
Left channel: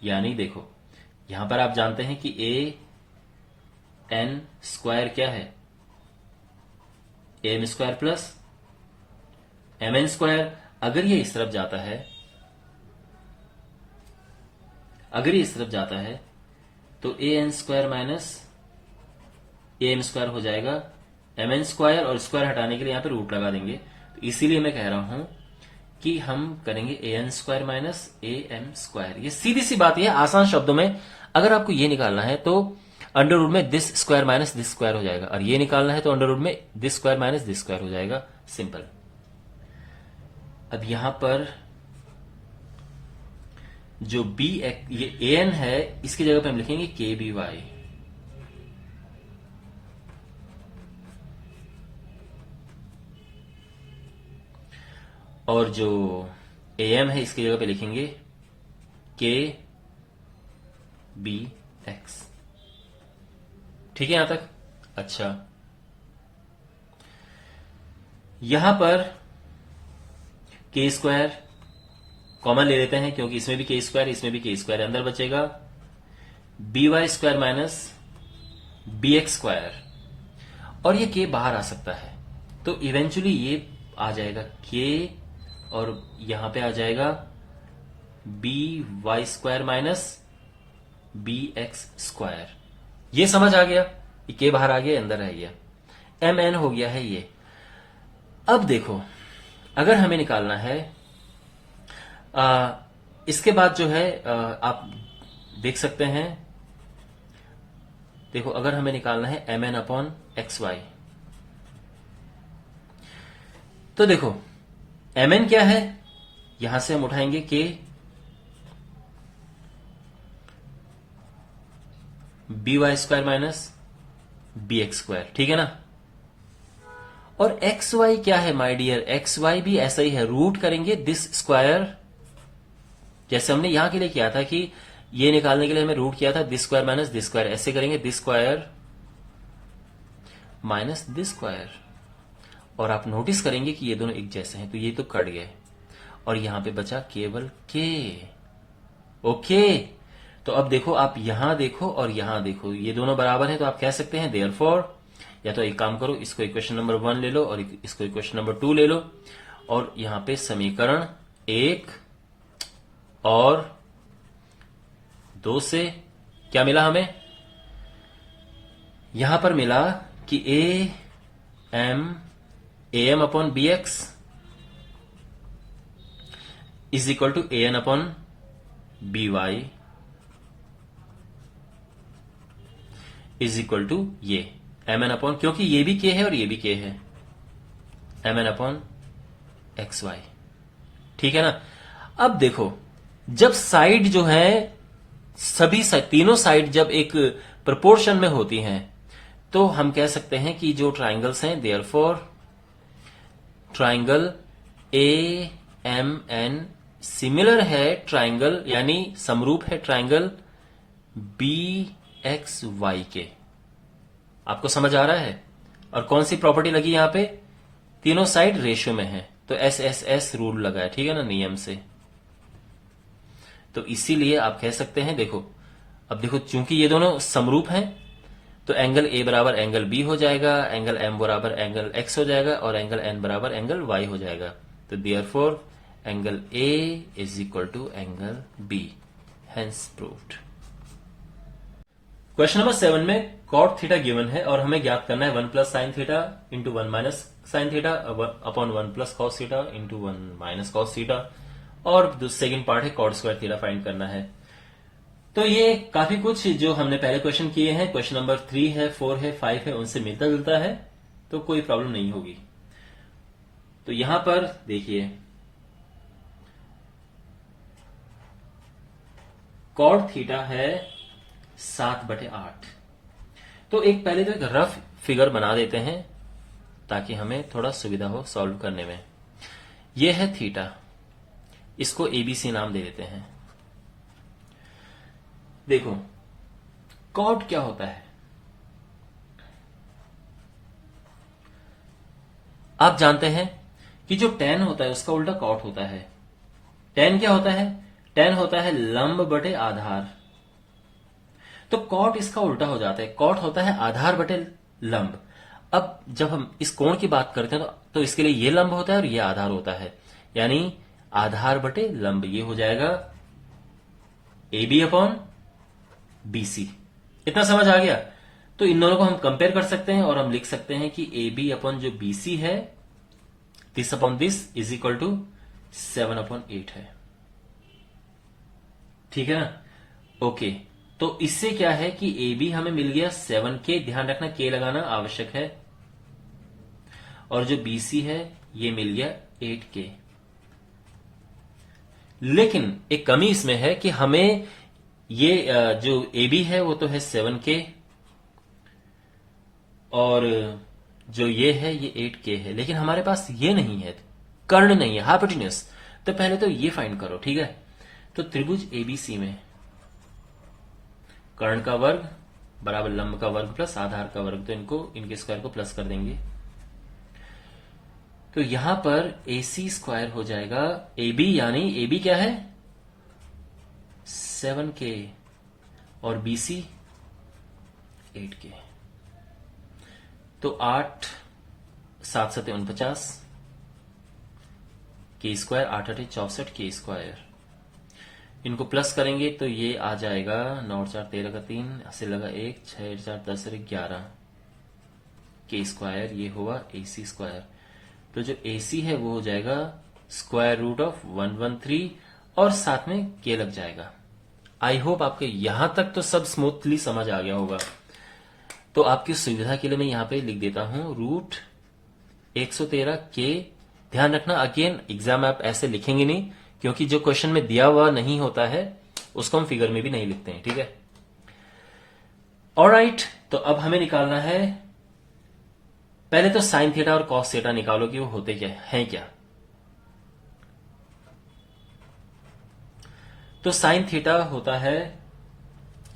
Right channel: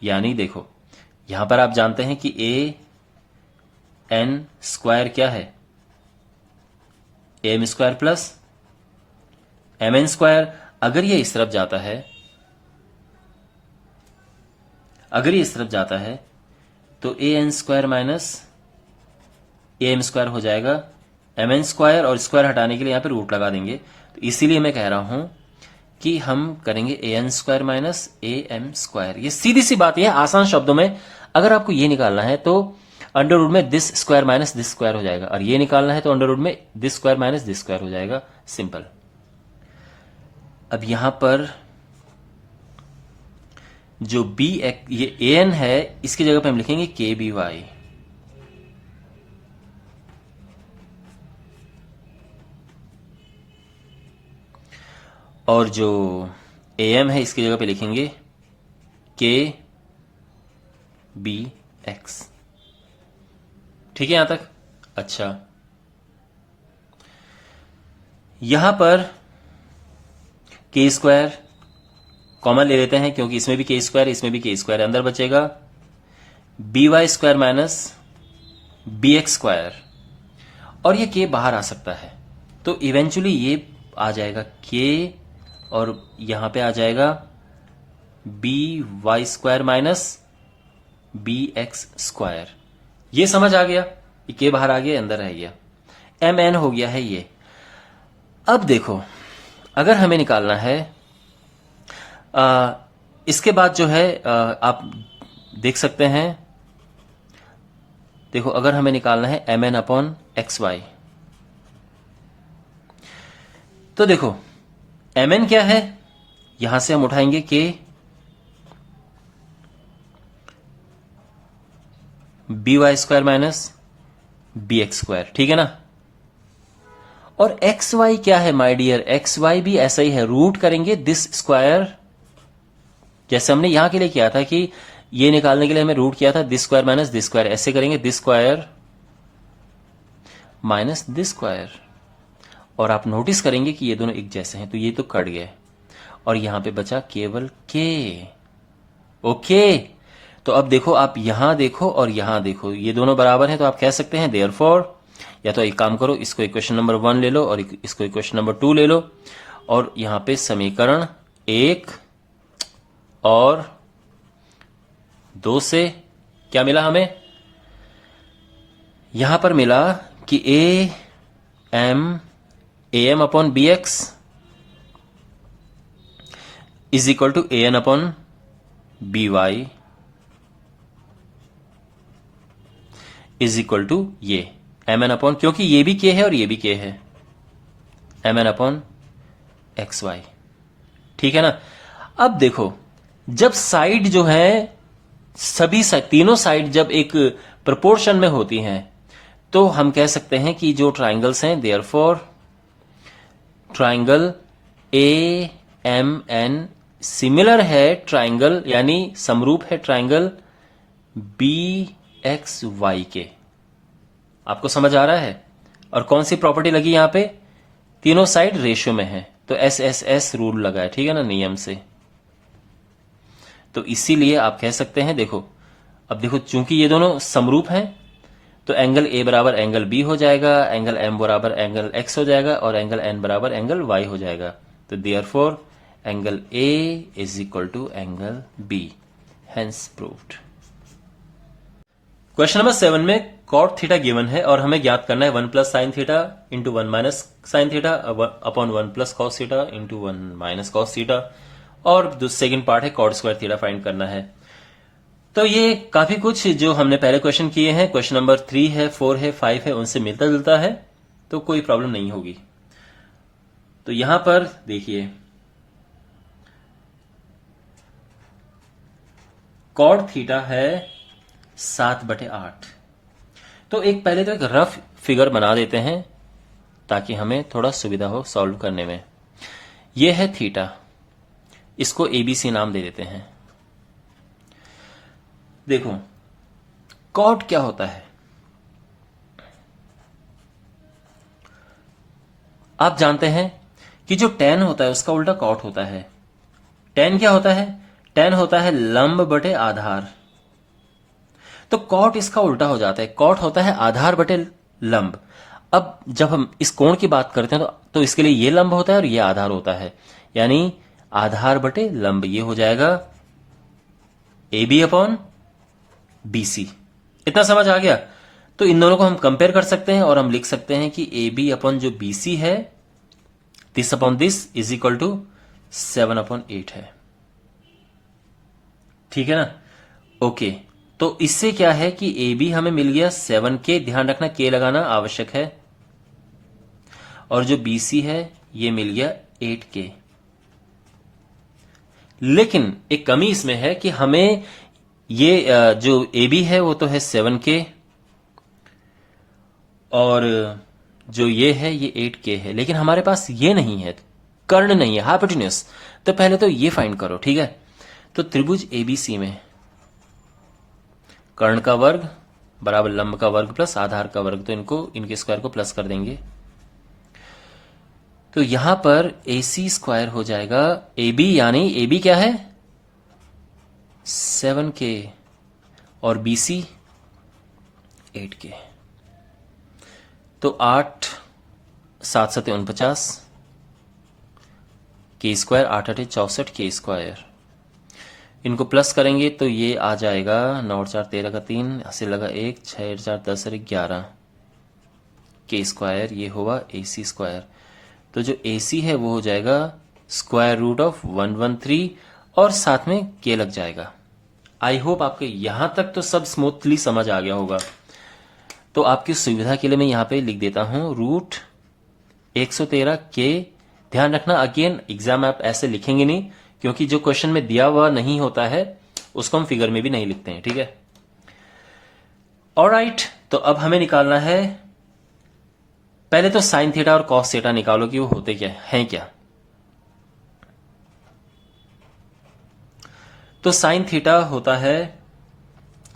यानी देखो यहां पर आप जानते हैं कि ए एन स्क्वायर क्या है, M square plus M N square. अगर ये इस तरफ जाता है, अगर ये इस तरफ जाता है तो A N square minus A M square हो जाएगा। एम एन स्क्वायर और स्क्वायर हटाने के लिए यहां पे रूट लगा देंगे, तो इसीलिए मैं कह रहा हूं कि हम करेंगे A N square minus A M square. ये सीधी सी बात है, आसान शब्दों में अगर आपको ये निकालना है तो अंडर रूट में this square minus this square हो जाएगा, और ये निकालना है तो अंडर रूट में this square minus this square हो जाएगा, सिंपल। अब यहां पर जो बी ये ए एन है, इसकी जगह पे हम लिखेंगे के बी वाई। और जो ए एम है इसकी जगह पे लिखेंगे के बी एक्स। ठीक है यहां तक। अच्छा, यहां पर के स्क्वायर कॉमन ले लेते हैं, क्योंकि इसमें भी के स्क्वायर इसमें भी के स्क्वायर, अंदर बचेगा B Y square minus B X square, और ये के बाहर आ सकता है, तो इवेंचुअली ये आ जाएगा के, और यहां पे आ जाएगा B Y square minus B X square. ये समझ आ गया, के बाहर आ गया, अंदर रह गया, एम एन हो गया है ये। अब देखो अगर हमें निकालना है इसके बाद जो है आप देख सकते हैं, देखो अगर हमें निकालना है M N upon X Y, तो देखो एम एन क्या है, यहां से हम उठाएंगे के B Y square minus B X square, ठीक है ना। और एक्स वाई क्या है माय डियर, एक्स वाई भी ऐसा ही है, रूट करेंगे दिस स्क्वायर, जैसे हमने यहां के लिए किया था कि ये निकालने के लिए हमें रूट किया था this square minus this square, ऐसे करेंगे this square minus this square, और आप नोटिस करेंगे कि ये दोनों एक जैसे हैं, तो ये तो कट गए और यहां पे बचा केवल के। ओके, तो अब देखो आप यहां देखो और यहां देखो, ये दोनों बराबर हैं, तो आप कह सकते हैं देयरफॉर, या तो एक काम करो, इसको इक्वेशन नंबर 1 ले लो और इसको इक्वेशन नंबर 2 ले लो, और यहां पे समीकरण 1 और 2 से क्या मिला हमें, यहां पर मिला कि A M upon B X is equal to A N upon B Y is equal to ये एम एन अपॉन, क्योंकि ये भी के है और ये भी के है, M N upon X Y, ठीक है ना। अब देखो जब साइड जो है सभी तीनों साइड जब एक प्रोपोर्शन में होती हैं, तो हम कह सकते हैं कि जो ट्राइंगल्स हैं therefore triangle A M N similar है ट्राइंगल, यानी समरूप है ट्राइंगल बी एक्स वाई के। आपको समझ आ रहा है। और कौन सी प्रॉपर्टी लगी यहां पे, तीनों साइड रेशियो में है, तो एस एस एस रूल लगा है, ठीक है ना, नियम से। तो इसीलिए आप कह सकते हैं, देखो अब देखो चूंकि ये दोनों समरूप हैं, तो एंगल ए बराबर एंगल बी हो जाएगा, एंगल एम बराबर एंगल एक्स हो जाएगा, और एंगल एन बराबर एंगल वाई हो जाएगा। तो therefore angle A is equal to angle B, hence proved. Question number 7 में कॉट थीटा गिवन है और हमें ज्ञात करना है 1 plus sine theta into 1 minus sine theta upon 1 plus cos theta into 1 minus cos theta, और सेकंड पार्ट है कॉट स्क्वायर थीटा फाइंड करना है। तो ये काफी कुछ जो हमने पहले क्वेश्चन किए हैं, क्वेश्चन नंबर 3 है, 4 है, 5 है, उनसे मिलता जुलता है, तो कोई प्रॉब्लम नहीं होगी। तो यहां पर देखिए कॉड थीटा है 7/8। तो एक पहले तो एक रफ फिगर बना देते हैं ताकि हमें थोड़ा सुविधा हो सॉल्व करने में। यह है थीटा, इसको एबीसी नाम दे देते हैं। देखो कॉड क्या होता है, आप जानते हैं कि जो tan होता है उसका उल्टा कॉट होता है। tan क्या होता है? tan होता है लंब बटे आधार। तो कॉट इसका उल्टा हो जाता है, कॉट होता है आधार बटे लंब। अब जब हम इस कोण की बात करते हैं तो इसके लिए ये लंब होता है और ये आधार होता है, यानी आधार बटे लंब। ये हो जाएगा A B upon B C. इतना समझ आ गया? तो इन दोनों को हम कंपेयर कर सकते हैं और हम लिख सकते हैं कि ए बी अपॉन जो बी सी है, this upon this is equal to 7/8 है। ठीक है ना? ओके, तो इससे क्या है कि ए बी हमें मिल गया 7K, ध्यान रखना K लगाना आवश्यक है, और जो बी सी है ये मिल गया 8K। लेकिन एक कमी इसमें है कि हमें ये जो ए बी है वो तो है 7K, और जो ये है ये 8K है, लेकिन हमारे पास ये नहीं है, कर्ण नहीं है, हाइपोटेन्यूज। तो पहले तो ये फाइंड करो, ठीक है? तो त्रिभुज एबीसी में कर्ण का वर्ग बराबर लंब का वर्ग प्लस आधार का वर्ग, तो इनके स्क्वायर को प्लस कर देंगे। तो यहां पर AC स्क्वायर हो जाएगा AB, यानी AB क्या है 7K और BC 8K। तो 8 7 7 49 K स्क्वायर, 8 8 64 K स्क्वायर। इनको प्लस करेंगे तो ये आ जाएगा 9 और 4 13 का 3, 80 लगा 1, 6 और 4 10 और 11 K स्क्वायर। ये होगा AC स्क्वायर। तो जो AC है वो हो जाएगा स्क्वायर रूट ऑफ 113 और साथ में K लग जाएगा। आई होप आपको यहां तक तो सब स्मूथली समझ आ गया होगा। तो आपकी सुविधा के लिए मैं यहां पे लिख देता हूं रूट 113 K। ध्यान रखना अगेन एग्जाम आप ऐसे लिखेंगे नहीं, क्योंकि जो क्वेश्चन में दिया हुआ नहीं होता है उसको हम फिगर में भी नहीं लिखते हैं, ठीक है? ऑलराइट, तो अब हमें निकालना है, पहले तो साइन थीटा और कॉस थीटा निकालो कि वो होते क्या हैं क्या। तो साइन थीटा होता है,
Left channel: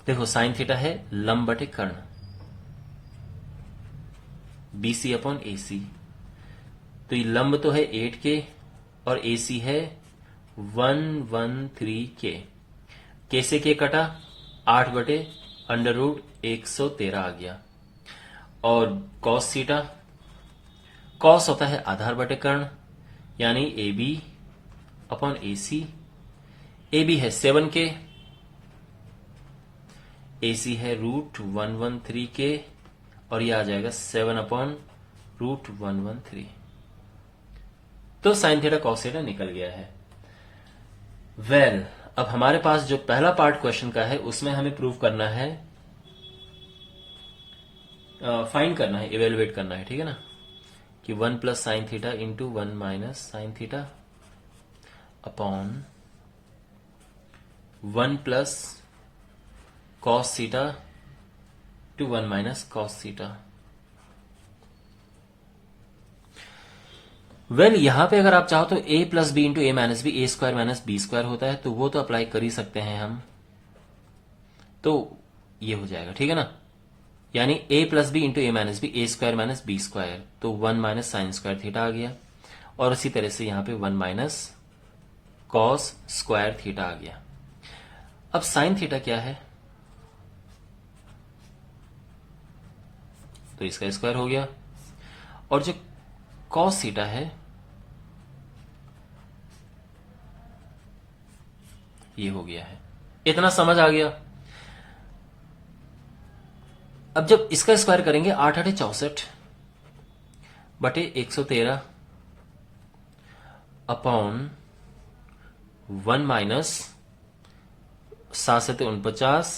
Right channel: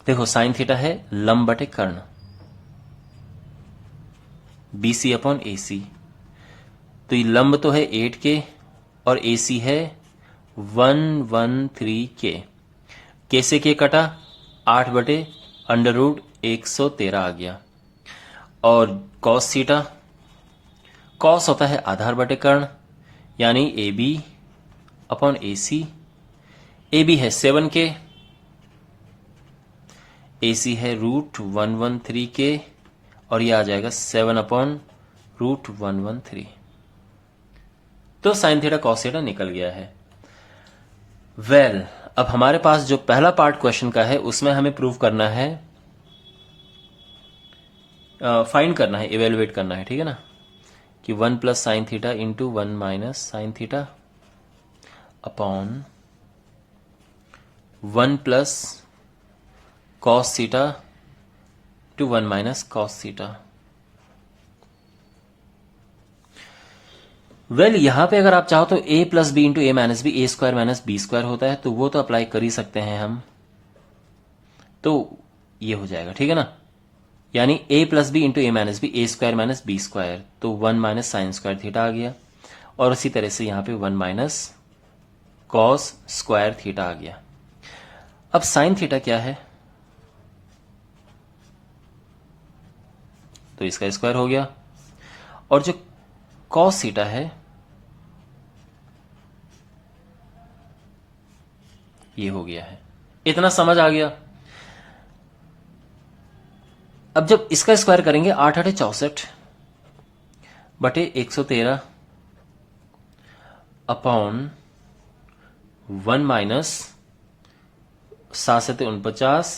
देखो साइन थीटा है लंब बटे कर्ण, BC अपॉन AC। तो ये लंब तो है 8K और AC है 113K। K से K कटा, 8 बटे अंडर रूट 113 आ गया। और कॉस थीटा, कॉस होता है आधार बटे कर्ण, यानी AB अपॉन AC। AB है 7K, AC है रूट 113K, और ये आ जाएगा 7 अपॉन रूट 113। तो साइन थीटा कॉस थीटा निकल गया है। वेल, अब हमारे पास जो पहला पार्ट क्वेश्चन का है उसमें हमें प्रूव करना है, फाइंड करना है, इवेलुएट करना है, ठीक है ना, कि 1 plus sine theta into 1 minus sine theta upon 1 plus cos theta to 1 minus cos theta. Well, यहां पे अगर आप चाहो तो a plus B into A minus B, A square minus B square होता है, तो वो तो अप्लाई कर ही सकते हैं हम। तो ये हो जाएगा, ठीक है ना, यानी a plus B into A minus B, A square minus B square, तो 1 माइनस साइन स्क्वायर थीटा आ गया। और उसी तरह से यहां पे 1 माइनस कॉस स्क्वायर थीटा आ गया। अब साइन थीटा क्या है, तो इसका स्क्वायर हो गया, और जो कॉस थीटा है ये हो गया है। इतना समझ आ गया? अब जब इसका स्क्वायर करेंगे 8 8 64 बटे 113 अपॉन 1 माइनस 7 7 49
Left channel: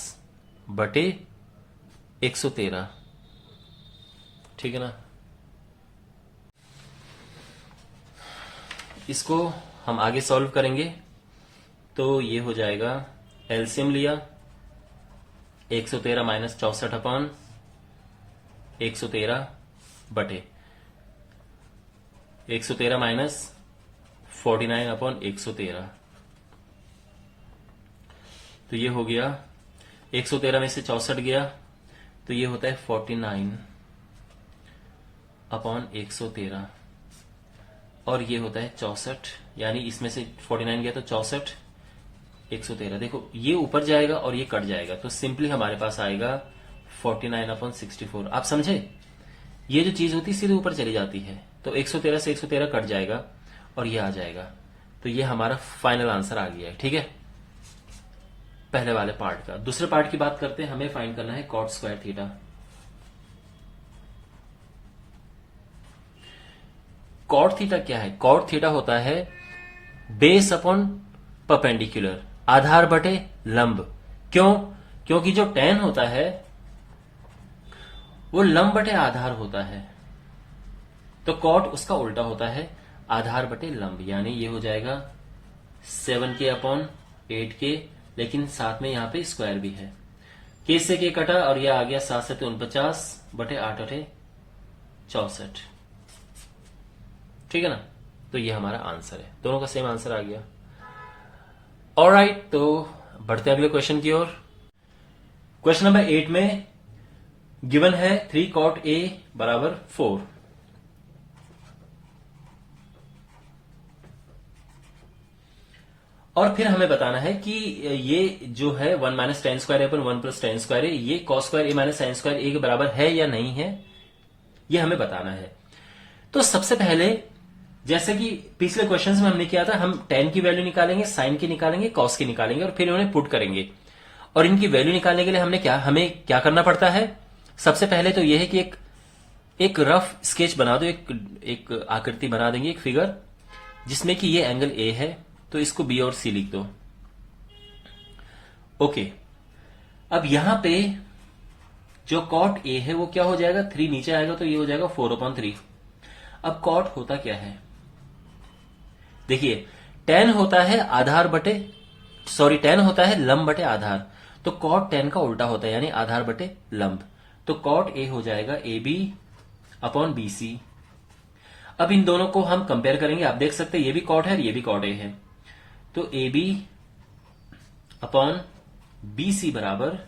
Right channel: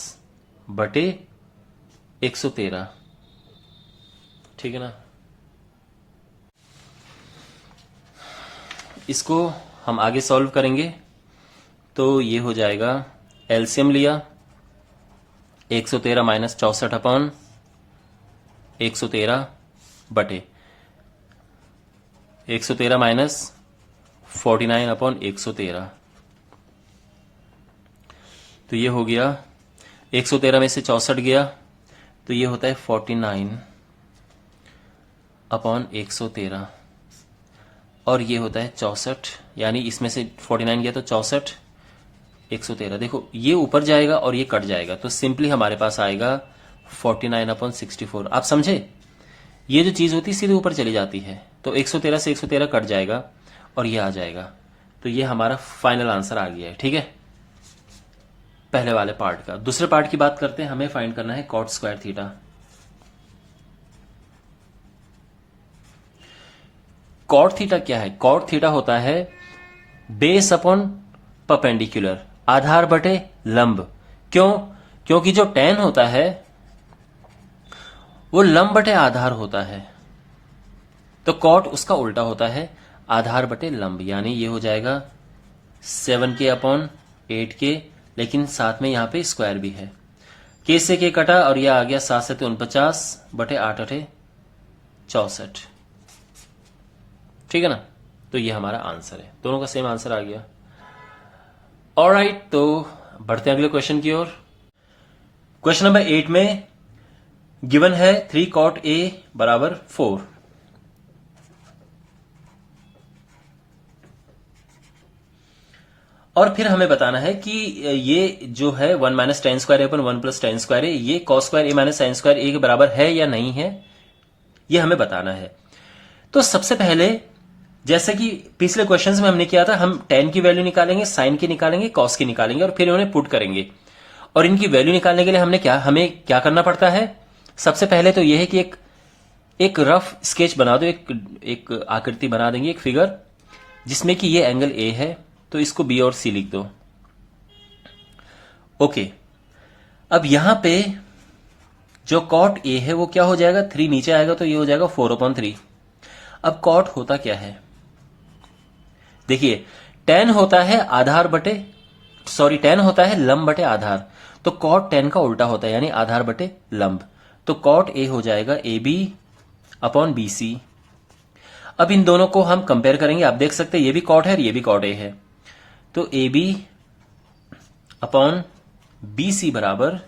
बटे 113, ठीक है ना। इसको हम आगे सॉल्व करेंगे तो ये हो जाएगा एलसीएम लिया, 113 माइनस 64 अपॉन 113 बटे 113 माइनस 49 अपॉन 113, तो ये हो गया 113 में से 64 गया तो ये होता है 49 अपॉन 113 और ये होता है 64, यानी इसमें से 49 गया तो 64 113। देखो ये ऊपर जाएगा और ये कट जाएगा तो सिंपली हमारे पास आएगा 49 अपॉन 64। आप समझे, ये जो चीज होती है सीधे ऊपर चली जाती है, तो 113 से 113 कट जाएगा और ये आ जाएगा। तो ये हमारा फाइनल आंसर आ गया है। ठीक है, पहले वाले पार्ट का। दूसरे पार्ट की बात करते हैं, हमें फाइंड करना है cot square theta. Cot theta क्या है? कॉट थीटा होता है बेस अपॉन परपेंडिकुलर, आधार बटे लंब। क्यों? क्योंकि जो tan होता है वो लंब बटे आधार होता है, तो कॉट उसका उल्टा होता है, आधार बटे लंब। यानी ये हो जाएगा 7k अपॉन 8k, लेकिन साथ में यहां पे स्क्वायर भी है, k से k कटा और यह आ गया 7 से 49 बटे 8 8 64। ठीक है ना, तो ये हमारा आंसर है, दोनों का सेम आंसर आ गया। ऑलराइट, तो बढ़ते हैं अगले क्वेश्चन की ओर। क्वेश्चन नंबर 8 में गिवन है 3 cot a बराबर 4। और फिर हमें बताना है कि ये जो है 1 minus ten square upon 1 plus ten square है, ये कॉस स्क्वायर ए माइनस साइन स्क्वायर ए के बराबर है या नहीं है, ये हमें बताना है। तो सबसे पहले जैसे कि पिछले क्वेश्चंस में हमने किया था, हम टेन की वैल्यू निकालेंगे, साइन की निकालेंगे, कॉस की निकालेंगे और फिर उन्हें पुट करेंगे। और इनकी वैल्यू निकालने के लिए हमें क्या करना पड़ता है? सबसे पहले तो यह है कि एक रफ स्केच बना दो, एक आकृति बना देंगे, एक फिगर, जिसमें कि ये एंगल ए है, तो इसको बी और सी लिख दो। ओके, अब यहां पे जो कॉट ए है वो क्या हो जाएगा, 3 नीचे आएगा तो ये हो जाएगा 4/3। अब कॉट होता क्या है? देखिए, tan होता है tan होता है लंब बटे आधार, तो कॉट tan का उल्टा होता है, यानी आधार बटे लंब। तो कॉट ए हो जाएगा AB अपॉन BC। अब इन दोनों को हम कंपेयर करेंगे, आप देख सकते हैं ये भी कॉट है और ये भी कॉट ए है, तो AB अपॉन BC बराबर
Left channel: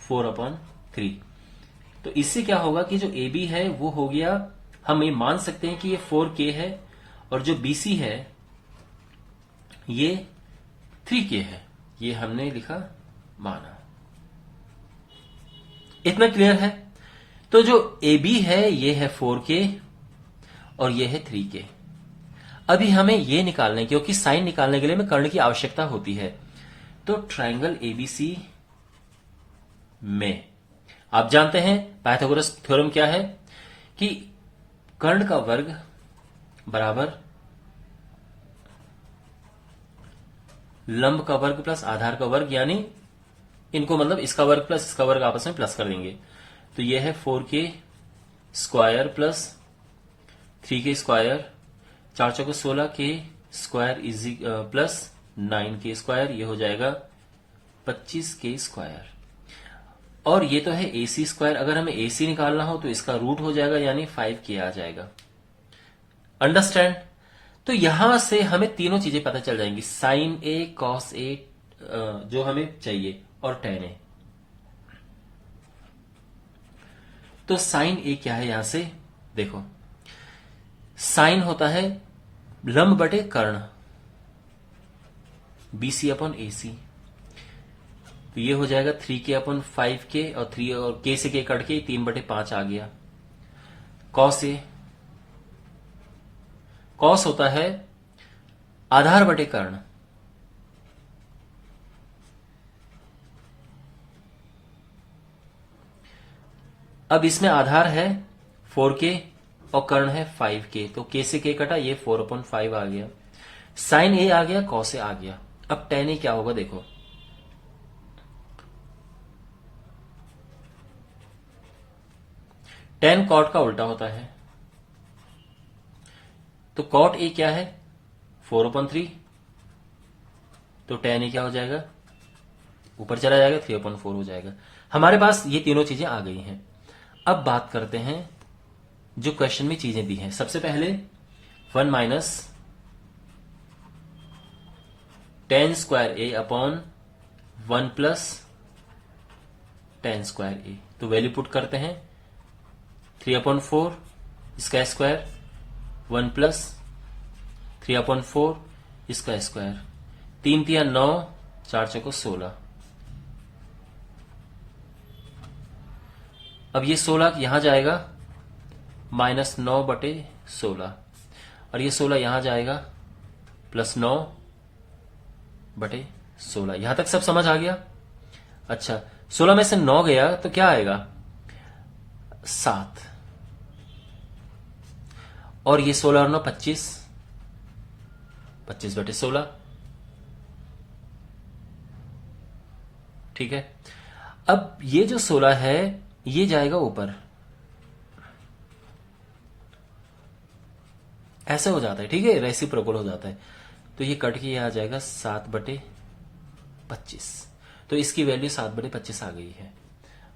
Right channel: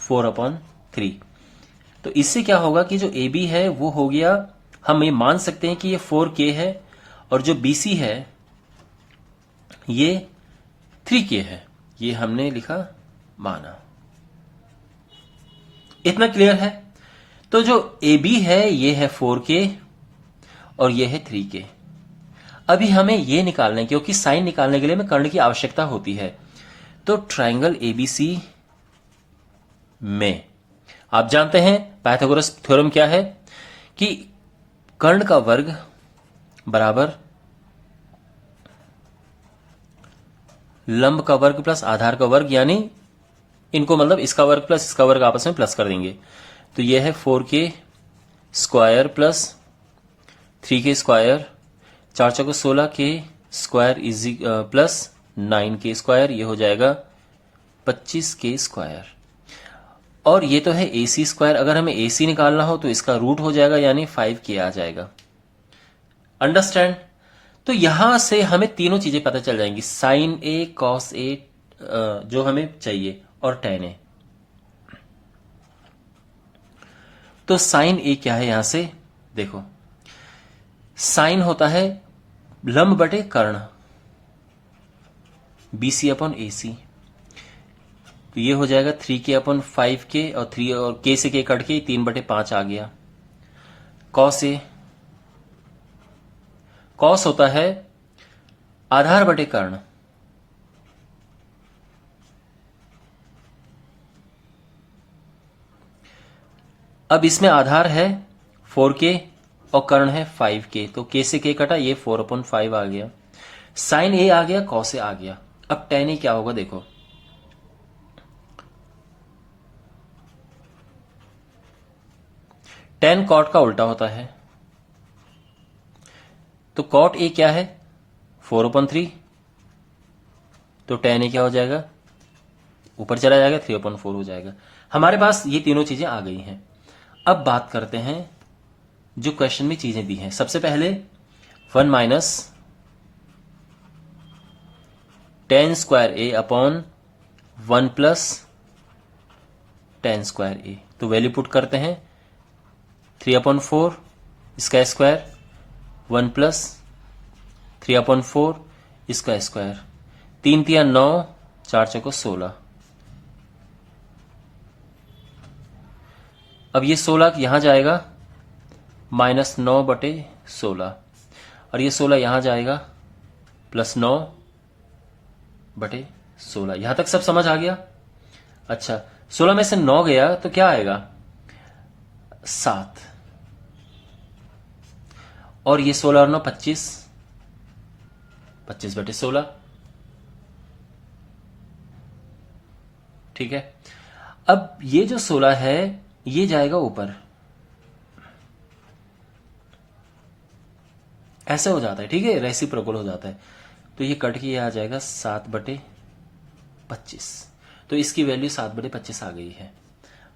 4/3। तो इससे क्या होगा कि जो AB है वो हो गया, हम ये मान सकते हैं कि ये 4K है, और जो BC है ये 3K है, ये हमने लिखा, माना। इतना क्लियर है? तो जो AB है ये है 4K और ये है 3K। अभी हमें ये निकालना है, क्योंकि साइन निकालने के लिए हमें कर्ण की आवश्यकता होती है। तो ट्राइंगल ABC में आप जानते हैं पाइथागोरस थ्योरम क्या है, कि कर्ण का वर्ग बराबर लंब का वर्ग प्लस आधार का वर्ग, यानी इनको मतलब इसका वर्ग प्लस इसका वर्ग आपस में प्लस कर देंगे, तो यह है 4K square plus 3K square, 4 choco 16K square is plus 9K square, ये हो जाएगा 25K स्क्वायर। और ये तो है AC स्क्वायर, अगर हमें AC निकालना हो तो इसका रूट हो जाएगा, यानी 5K आ जाएगा। अंडरस्टैंड? तो यहां से हमें तीनों चीजें पता चल जाएंगी, साइन ए, कॉस ए जो हमें चाहिए, और टेन ए। तो साइन ए क्या है? यहां से देखो, साइन होता है लंब बटे कर्ण, BC अपॉन AC, तो ये हो जाएगा 3K अपॉन 5K, और 3 और K से K कट के 3/5 आ गया। कॉस ए, कॉस होता है आधार बटे कर्ण, अब इसमें आधार है 4K और कर्ण है 5K, तो K से K कटा, ये 4/5 आ गया। साइन ए आ गया, कॉस ए आ गया। अब टेन ए क्या होगा देखो, टेन कॉट का उल्टा होता है, तो कॉट ए क्या है 4/3, तो टेन ए क्या हो जाएगा ऊपर चला जाएगा, 3/4 हो जाएगा। हमारे पास ये तीनों चीजें आ गई हैं। अब बात करते हैं जो क्वेश्चन में चीजें दी हैं। सबसे पहले 1 माइनस टेन स्क्वायर ए अपॉन 1 प्लस टेन स्क्वायर ए। तो वैल्यू पुट करते हैं 3/4 इसका स्क्वायर 1 प्लस 3/4 इसका स्क्वायर, 3 3 9, 4 4 16। अब ये 16 यहां जाएगा -9/16 और ये 16 यहां जाएगा +9/16। यहां तक सब समझ आ गया? अच्छा, 16 में से 9 गया तो क्या आएगा? 7। और ये 16 और 9 25, 25/16। ठीक है। अब ये जो 16 है ये जाएगा ऊपर, ऐसे हो जाता है। ठीक है, रेसिप्रोकल हो जाता है। तो ये कट के ये आ जाएगा 7/25। तो इसकी वैल्यू 7/25 आ गई है।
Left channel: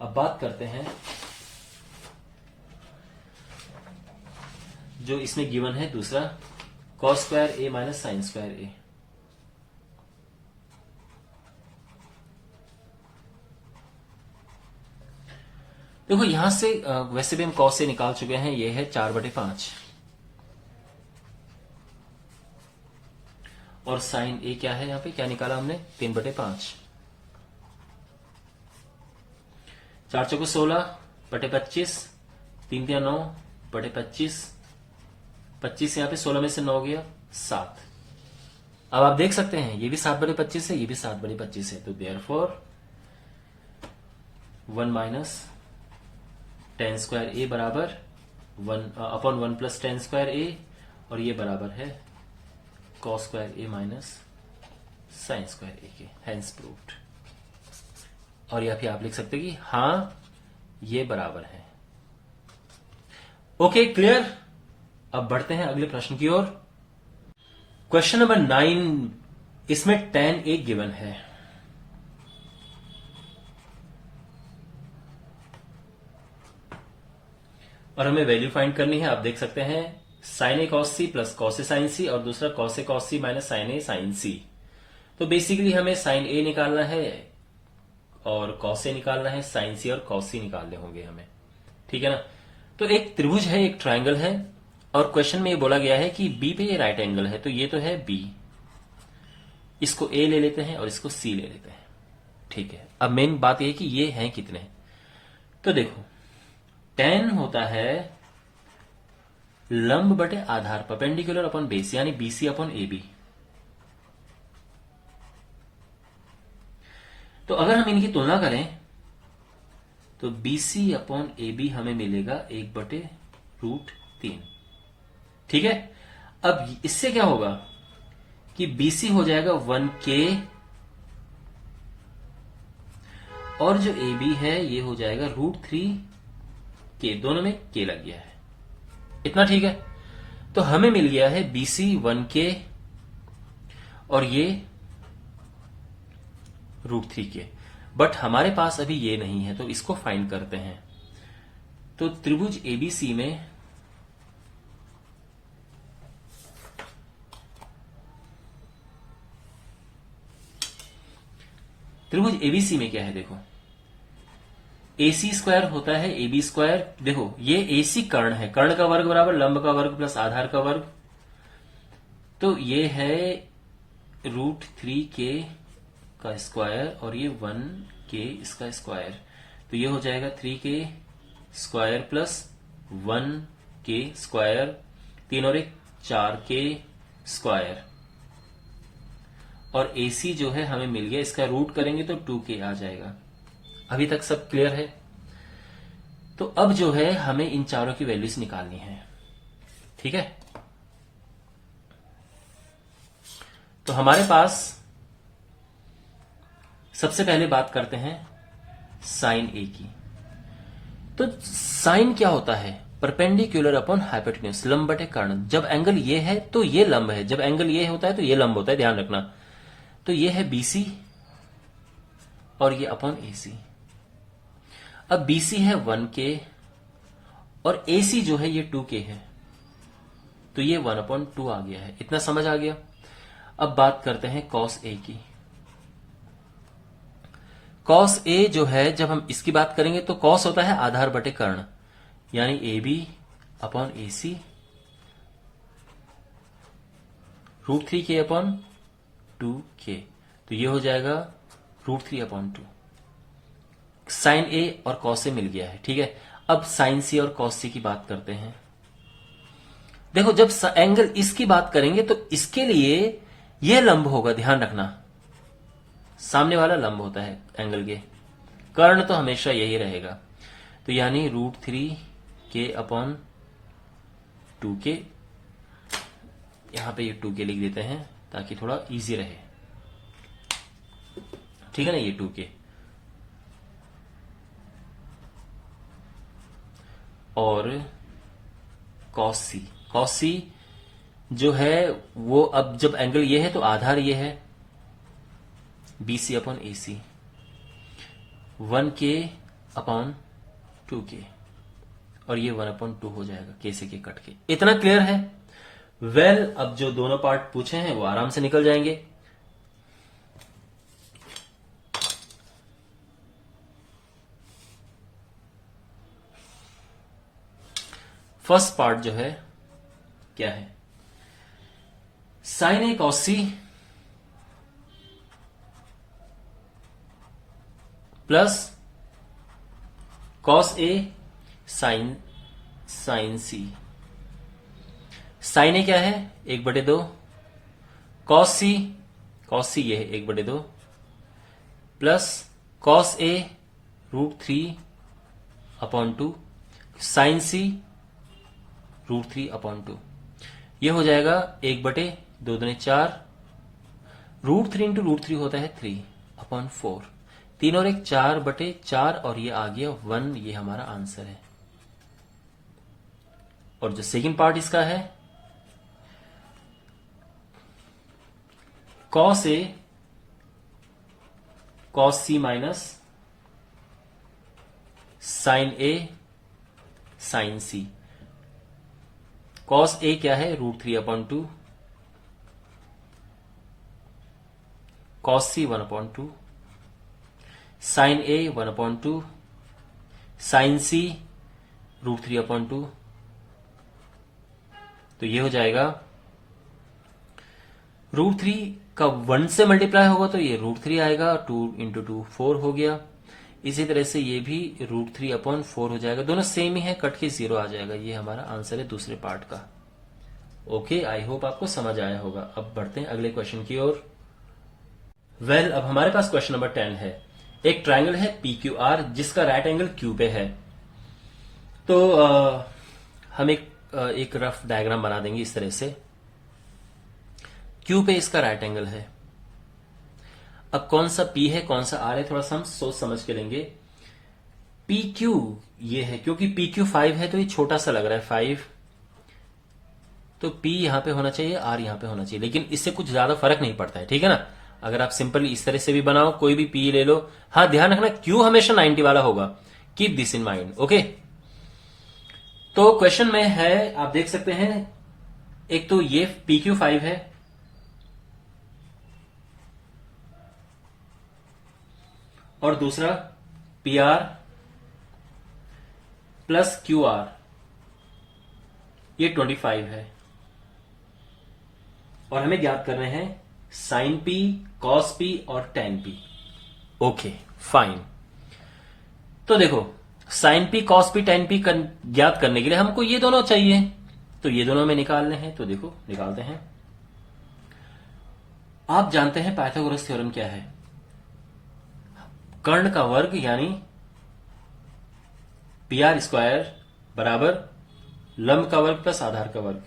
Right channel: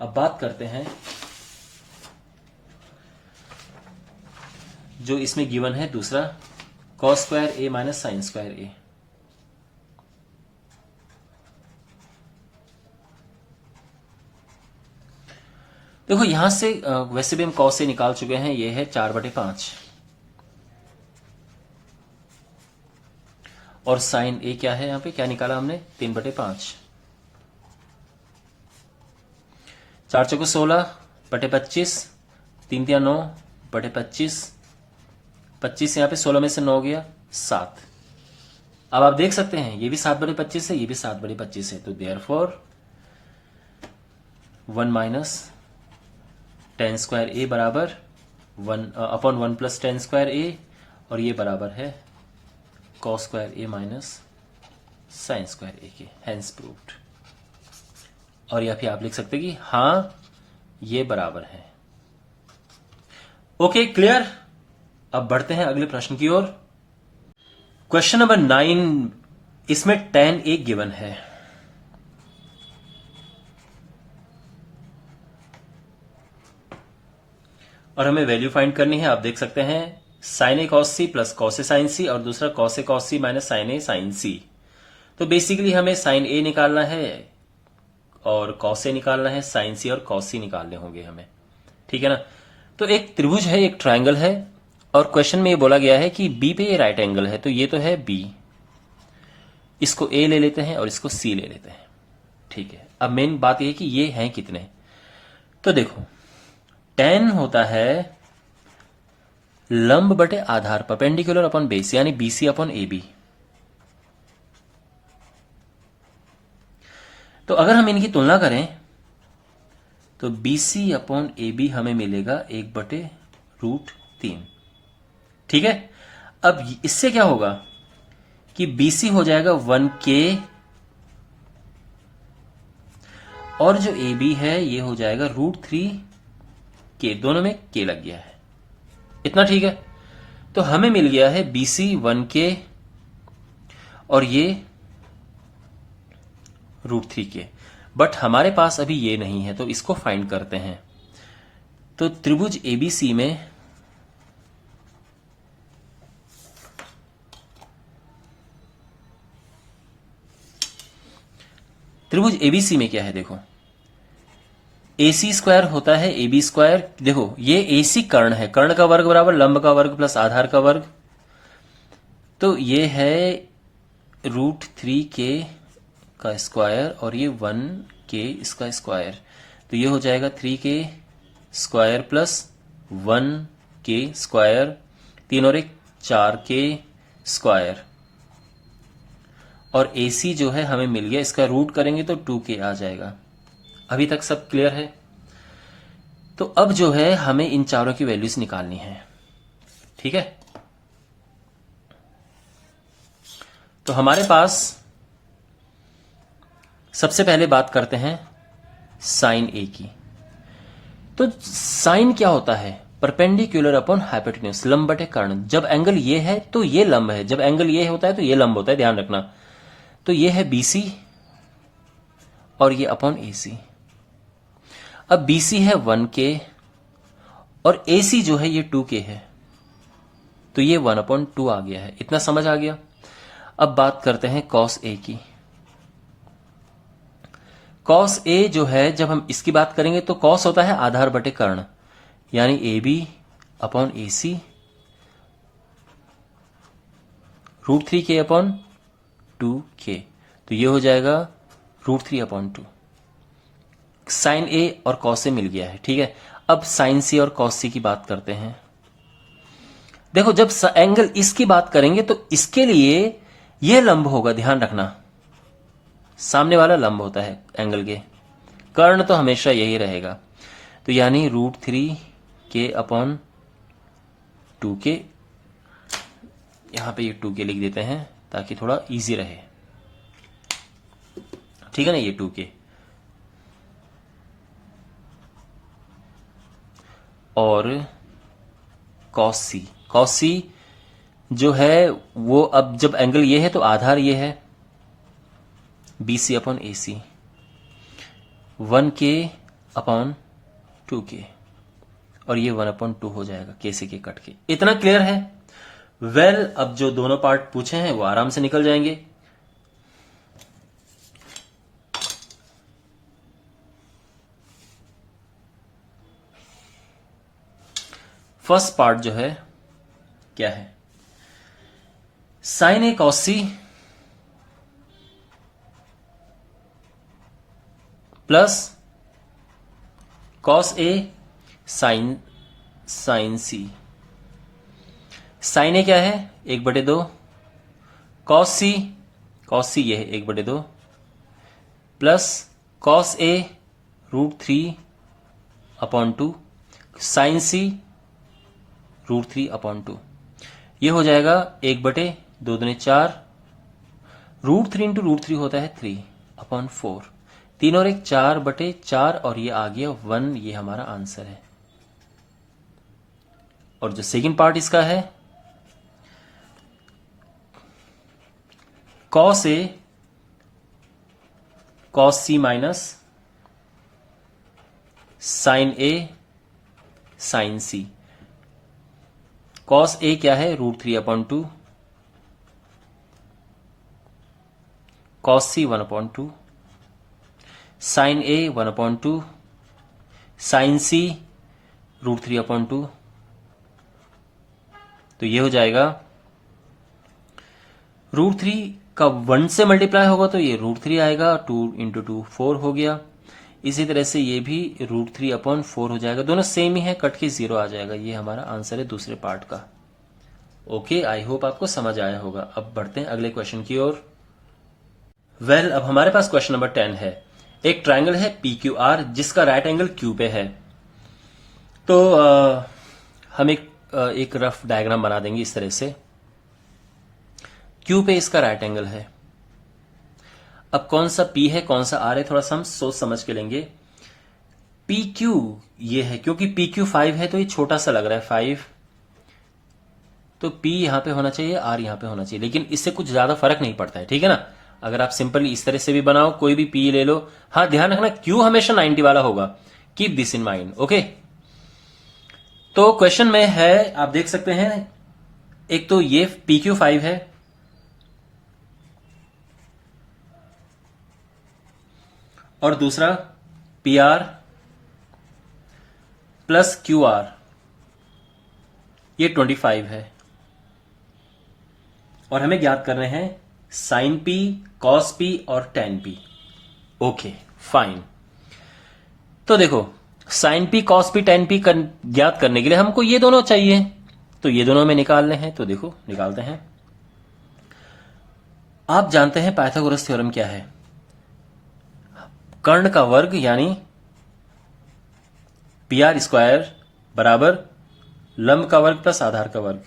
अब बात करते हैं जो इसमें गिवन है दूसरा, cos स्क्वायर ए माइनस साइन स्क्वायर ए। देखो यहां से वैसे भी हम cos से निकाल चुके हैं, ये है 4/5 और साइन ए क्या है? यहां पे क्या निकाला हमने? 3/5। 4 4 16/25, 3 3 9/25, 25 यहां पे 16 में से 9 गया 7। अब आप देख सकते हैं ये भी 7/25 है, ये भी 7/25 है। तो देयरफॉर 1 माइनस टेन स्क्वायर ए बराबर 1/1 प्लस टेन स्क्वायर ए, और ये बराबर है cos स्क्वायर ए माइनस साइन स्क्वायर ए के। Hence proved. और या फिर आप लिख सकते हैं कि हां ये बराबर है। Okay, clear. अब बढ़ते हैं अगले प्रश्न की ओर। क्वेश्चन नंबर 9, इसमें tan एक गिवन है। और हमें वैल्यू फाइंड करनी है। आप देख सकते हैं sign A cos C plus cos A sign सी और दूसरा cos A cos C minus sign A sign सी। तो बेसिकली हमें साइन ए निकालना है और कॉस ए निकालना है, साइन सी और कॉस सी निकालने होंगे हमें। ठीक है ना। तो एक त्रिभुज है, एक ट्रायंगल है, और क्वेश्चन में ये बोला गया है कि बी पे ये राइट एंगल है। तो ये तो है बी, इसको ए ले लेते हैं और इसको सी ले लेते हैं। ठीक है। अब मेन बात यह है कि ये हैं कितने। तो देखो tan होता है लंब बटे आधार, परपेंडिकुलर अपॉन बेस, यानी बीसी अपॉन ए बी। तो अगर हम इनकी तुलना करें तो बीसी अपॉन ए बी हमें मिलेगा 1/√3। ठीक है। अब इससे क्या होगा कि बीसी हो जाएगा 1K और जो ए बी है ये हो जाएगा √3K। दोनों में K लग गया है। इतना ठीक है। तो हमें मिल गया है BC 1K और ये √3K। बट हमारे पास अभी ये नहीं है, तो इसको फाइंड करते हैं। तो त्रिभुज ABC में क्या है? देखो AC स्क्वायर होता है AB स्क्वायर। देखो ये AC कर्ण है, कर्ण का वर्ग बराबर लंब का वर्ग प्लस आधार का वर्ग। तो ये है √3K का स्क्वायर और ये 1K इसका स्क्वायर। तो ये हो जाएगा 3K square plus 1K square, 3 और 1 4K स्क्वायर। और AC जो है हमें मिल गया, इसका रूट करेंगे तो 2K आ जाएगा। अभी तक सब क्लियर है? तो अब जो है हमें इन चारों की वैल्यूज निकालनी है। ठीक है। तो हमारे पास सबसे पहले बात करते हैं साइन ए की। तो साइन क्या होता है? परपेंडिकुलर अपॉन हाइपोटेन्यूज, लंब बटे कर्ण। जब एंगल ये है तो ये लंब है, जब एंगल ये होता है तो ये लंब होता है, ध्यान रखना। तो ये है BC और ये अपॉन AC। अब BC है 1K और AC जो है ये 2K है, तो ये 1/2 आ गया है। इतना समझ आ गया। अब बात करते हैं cos A की। cos A जो है, जब हम इसकी बात करेंगे तो cos होता है आधार बटे कर्ण, यानी AB/AC √3K/2K, तो ये हो जाएगा √3/2। साइन A और cos A मिल गया है, ठीक है। अब साइन C और cos C की बात करते हैं। देखो, जब एंगल इसकी बात करेंगे तो इसके लिए यह लंब होगा, ध्यान रखना, सामने वाला लंब होता है एंगल के, कर्ण तो हमेशा यही रहेगा। तो यानी √3K/2K, यहां पे ये 2K लिख देते हैं ताकि थोड़ा इजी रहे, ठीक है ना। ये 2K और cos C जो है वो, अब जब एंगल ये है तो आधार ये है BC/AC 1K/2K और ये 1/2 हो जाएगा K से K कट के। इतना क्लियर है? वेल, अब जो दोनों पार्ट पूछे हैं वो आराम से निकल जाएंगे। फर्स्ट पार्ट जो है क्या है, sin A cos C plus cos A sin C। sin A क्या है, 1/2, cos C ये है 1/2 plus cos A √3/2 sin C √3/2, ये हो जाएगा 1/2 दूनी 4, √3 इंटू √3 होता है 3/4, 3 और 1 4/4 और ये आ गया 1, ये हमारा आंसर है। और जो सेकंड पार्ट इसका है, cos A cos C minus sin A sin C। cos A क्या है, √3/2, cos C 1/2, sin A 1/2, sin C √3/2, तो ये हो जाएगा √3 का 1 से मल्टीप्लाई होगा तो ये √3 आएगा, 2 इंटू 2 4 हो गया। इसी तरह से ये भी √3/4 हो जाएगा, दोनों सेम ही है, कट के 0 आ जाएगा। ये हमारा आंसर है दूसरे पार्ट का। ओके, आई होप आपको समझ आया होगा। अब बढ़ते हैं अगले क्वेश्चन की ओर। वेल, अब हमारे पास क्वेश्चन नंबर 10 है। एक ट्राइंगल है PQR जिसका राइट एंगल Q पे है। तो हम एक रफ डायग्राम बना देंगे इस तरह से। Q पे इसका राइट एंगल है। अब कौन सा P है कौन सा R है, थोड़ा सा हम सोच समझ के लेंगे। PQ ये है, क्योंकि PQ 5 है तो ये छोटा सा लग रहा है 5, तो P यहां पे होना चाहिए, R यहां पे होना चाहिए, लेकिन इससे कुछ ज्यादा फर्क नहीं पड़ता है, ठीक है ना। अगर आप सिंपली इस तरह से भी बनाओ, कोई भी P ले लो। हाँ, ध्यान रखना Q हमेशा 90 वाला होगा, keep this in mind. Okay, तो क्वेश्चन में है, आप देख सकते हैं, एक तो ये PQ 5 है और दूसरा PR प्लस QR, ये 25 है और हमें ज्ञात कर रहे हैं sin P, cos P और tan P। Okay, fine. तो देखो, sin P, cos P, tan P ज्ञात करने के लिए हमको ये दोनों चाहिए, तो ये दोनों में निकालने हैं। तो देखो, निकालते हैं। आप जानते हैं पाइथागोरस थ्योरम क्या है, कर्ण का वर्ग यानी PR² बराबर लंब का वर्ग प्लस आधार का वर्ग।